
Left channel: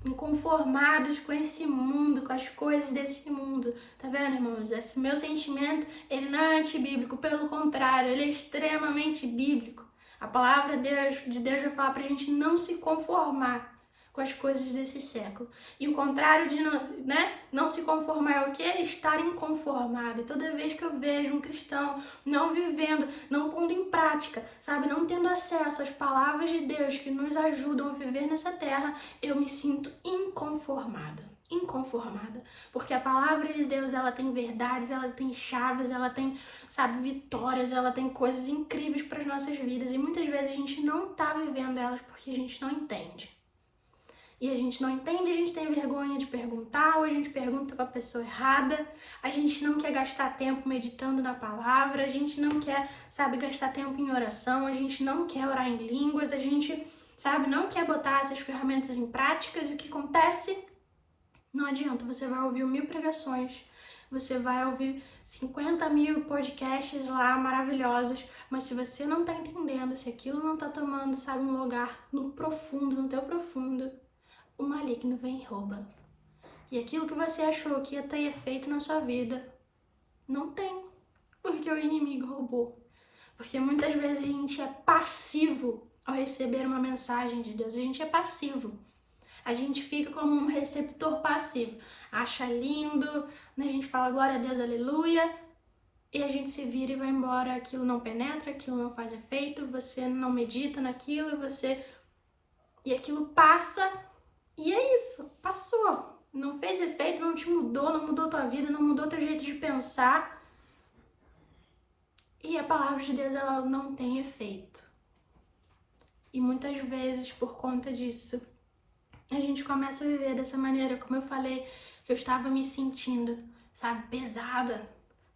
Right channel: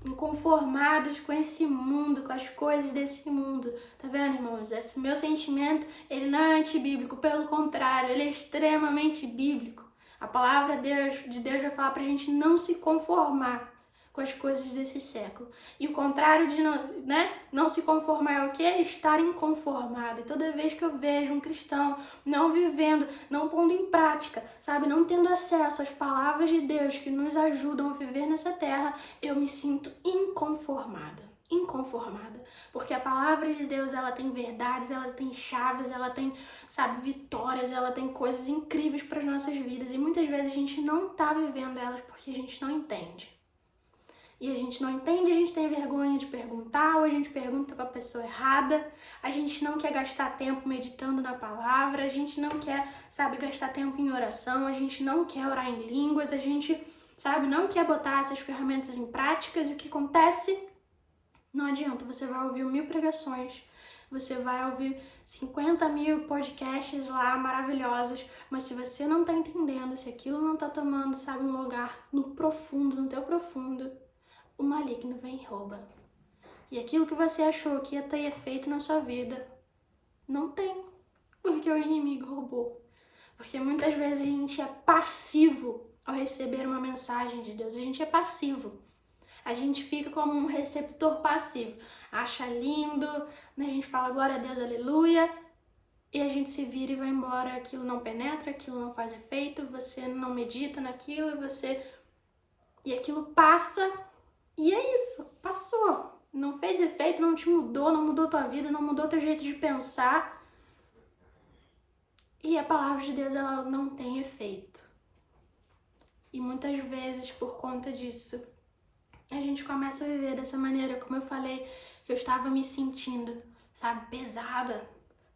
inconformados com esse mundo, com as coisas desse mundo. Tá vendo, irmãos? Esse meu sentimento, ele não é antibíblico, pelo contrário, ele é extremamente bíblico. A palavra de Deus vai falar pra gente não se conformar com as coisas desse século. E o contrário de não se conformar é o quê? Estar inconformado. E toda vez que eu vejo um cristão não vivendo, não pondo em prática, sabe, não tendo acesso às palavras de Deus que nos ajudam a viver nessa terra, eu me sinto inconformada. Porque a palavra de Deus, ela tem verdades, ela tem chaves, ela tem, sabe, vitórias, ela tem coisas incríveis para as nossas vidas e muitas vezes a gente não tá vivendo elas porque a gente não entende. E a gente não entende, a gente tem vergonha de perguntar, ou a gente pergunta para a pessoa errada, a gente não quer gastar tempo meditando na palavra, a gente não quer, sabe, gastar tempo em oração, a gente não quer orar em línguas, a gente, sabe, não quer botar essas ferramentas em práticas. E o que acontece? Não adianta, você vai ouvir 1000 pregações, você vai ouvir 50.000 podcasts lá maravilhosos, mas se você não tá entendendo, se aquilo não tá tomando, sabe, um lugar no profundo, no teu profundo, o maligno vem e rouba. E aquilo que você achou que ia ter efeito na sua vida, não tem, porque o inimigo roubou. Porque muitas vezes a gente é passivo ao receber uma mensagem de Deus, a gente é passivo. A gente fica como um receptor passivo, acha lindo, né? A gente fala glória a Deus, aleluia, e a gente se vira e vai embora, aquilo não penetra, aquilo não faz efeito, você não medita naquilo, e aquilo passa. E é isso, passou. Não fez efeito, não te mudou, não mudou tua vida, não mudou teu jeito de pensar. E a palavra de Deus, ela não tem efeito. E muitas vezes, por conta disso, a gente começa a viver dessa maneira, como eu falei, que eu estava me sentindo, sabe, pesada,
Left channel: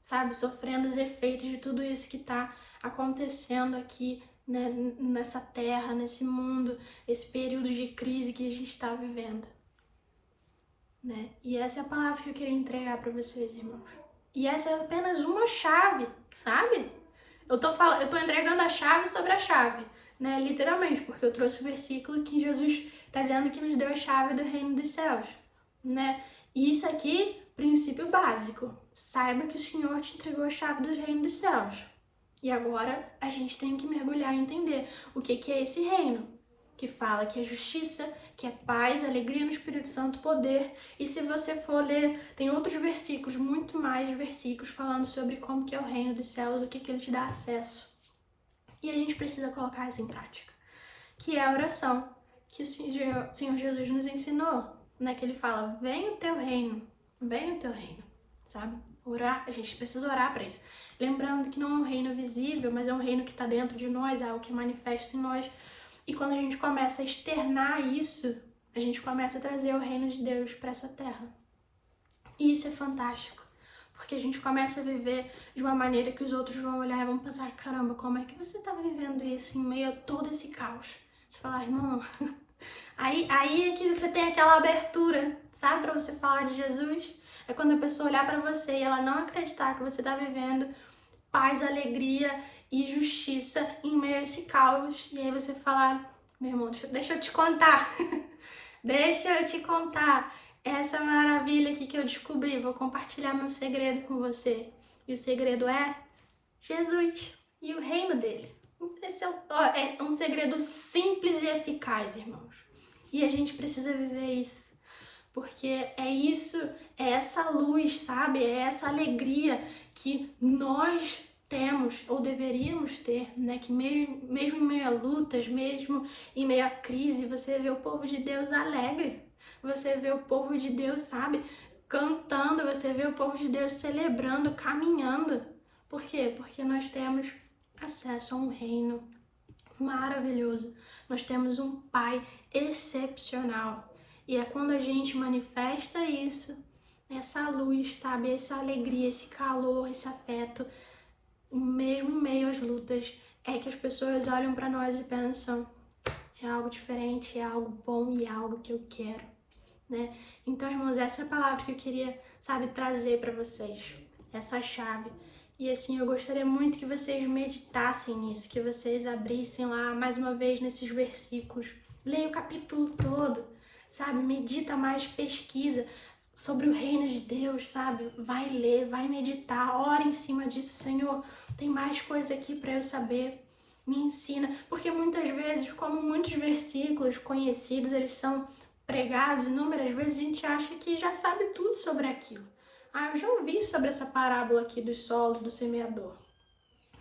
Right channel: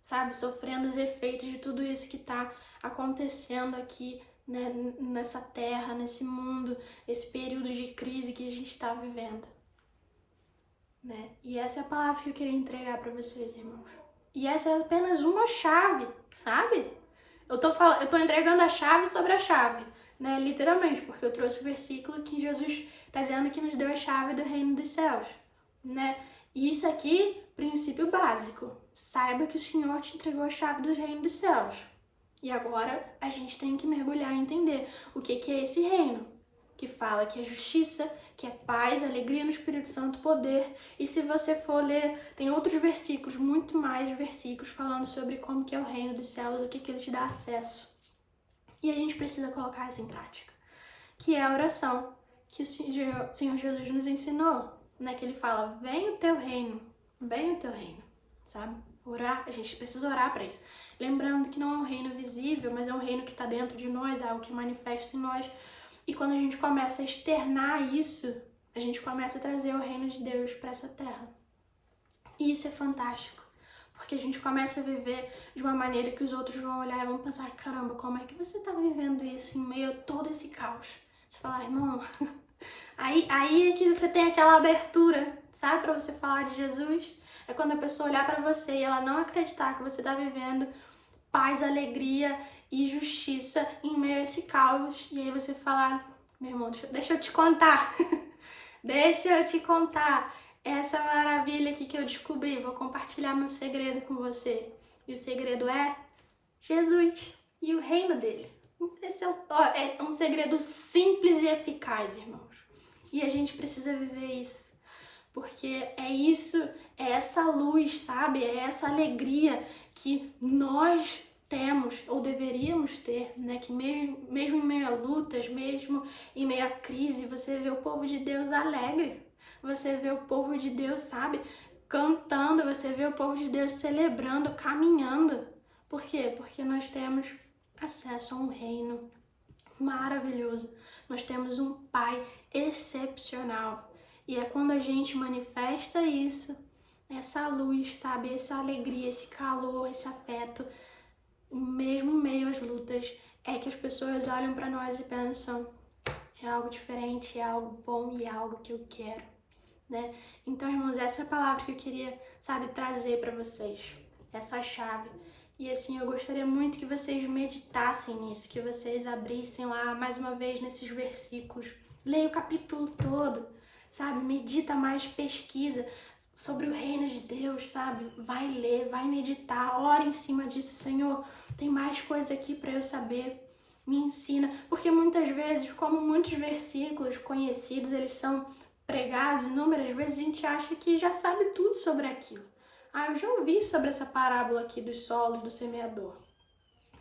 sabe, sofrendo os efeitos de tudo isso que tá acontecendo aqui, né, nessa terra, nesse mundo, esse período de crise que a gente está vivendo, né? E essa é a palavra que eu queria entregar para vocês, irmãos. E essa é apenas uma chave, sabe? Eu tô entregando a chave sobre a chave, né? Literalmente, porque eu trouxe o versículo que Jesus tá dizendo que nos deu a chave do reino dos céus, né? E isso aqui, princípio básico. Saiba que o Senhor te entregou a chave do reino dos céus. E agora a gente tem que mergulhar e entender o que é esse reino, que fala que é justiça, que é paz, alegria no Espírito Santo, poder. E se você for ler, tem outros versículos, muito mais versículos falando sobre como que é o reino dos céus, o que ele te dá acesso. E a gente precisa colocar isso em prática, que é a oração, que o Senhor Jesus nos ensinou, né? Que ele fala, vem o teu reino, sabe? Orar, a gente precisa orar para isso. Lembrando que não é um reino visível, mas é um reino que está dentro de nós, é algo que manifesta em nós. E quando a gente começa a externar isso, a gente começa a trazer o reino de Deus para essa terra. E isso é fantástico, porque a gente começa a viver de uma maneira que os outros vão olhar e vão pensar, caramba, como é que você tá vivendo isso em meio a todo esse caos? Você fala, irmão, aí é que você tem aquela abertura, sabe, pra você falar de Jesus. É quando a pessoa olhar pra você e ela não acreditar que você tá vivendo paz, alegria e justiça em meio a esse caos. E aí você falar, meu irmão, deixa eu te contar. Deixa eu te contar essa maravilha aqui que eu descobri. Vou compartilhar meu segredo com você. E o segredo é Jesus e o reino dele. Esse é um segredo simples e eficaz, irmãos. E a gente precisa viver isso. Porque é isso, é essa luz, sabe? É essa alegria que nós temos, ou deveríamos ter, né? Que mesmo em meio a lutas, mesmo em meio a crise, você vê o povo de Deus alegre. Você vê o povo de Deus, sabe? Cantando, você vê o povo de Deus celebrando, caminhando. Por quê? Porque nós temos acesso a um reino maravilhoso. Nós temos um Pai excepcional. E é quando a gente manifesta isso, essa luz, sabe? Essa alegria, esse calor, esse afeto, mesmo em meio às lutas, é que as pessoas olham para nós e pensam, é algo diferente, é algo bom e é algo que eu quero, né? Então, irmãos, essa é a palavra que eu queria, sabe, trazer para vocês. Essa chave. E assim, eu gostaria muito que vocês meditassem nisso, que vocês abrissem lá mais uma vez nesses versículos. Leia o capítulo todo, sabe? Medita mais, pesquisa sobre o reino de Deus, sabe? Vai ler, vai meditar, ora em cima disso. Senhor, tem mais coisa aqui para eu saber. Me ensina. Porque muitas vezes, como muitos versículos conhecidos, eles são pregados inúmeras vezes, a gente acha que já sabe tudo sobre aquilo. Ah, eu já ouvi sobre essa parábola aqui dos solos do semeador,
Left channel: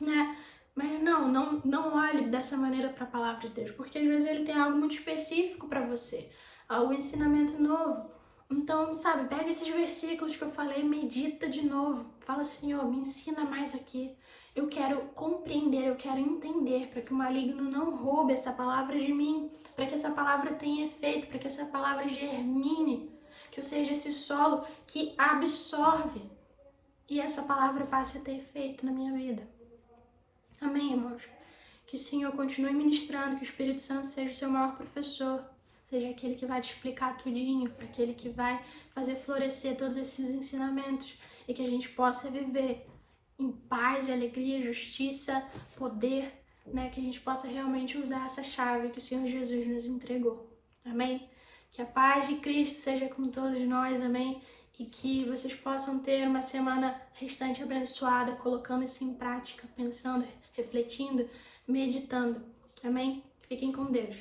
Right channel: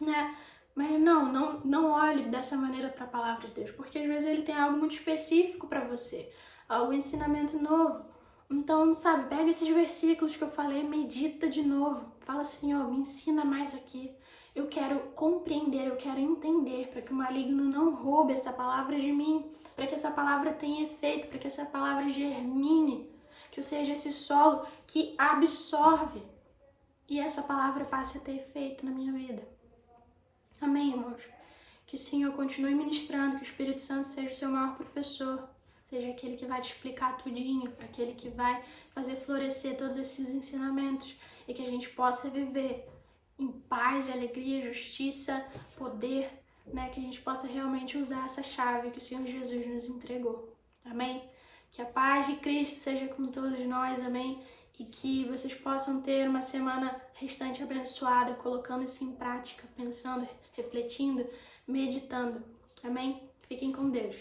né? Mas não olhe dessa maneira para a palavra de Deus, porque às vezes ele tem algo muito específico para você, algum ensinamento novo. Então, sabe, pega esses versículos que eu falei, medita de novo. Fala, Senhor, me ensina mais aqui. Eu quero compreender, eu quero entender, para que o maligno não roube essa palavra de mim, para que essa palavra tenha efeito, para que essa palavra germine, que eu seja esse solo que absorve e essa palavra passe a ter efeito na minha vida. Amém, irmãos? Que o Senhor continue ministrando, que o Espírito Santo seja o seu maior professor, seja aquele que vai te explicar tudinho, aquele que vai fazer florescer todos esses ensinamentos e que a gente possa viver em paz, alegria, justiça, poder, né? Que a gente possa realmente usar essa chave que o Senhor Jesus nos entregou. Amém? Que a paz de Cristo seja com todos nós, amém? E que vocês possam ter uma semana restante abençoada, colocando isso em prática, pensando, refletindo, meditando. Amém? Fiquem com Deus.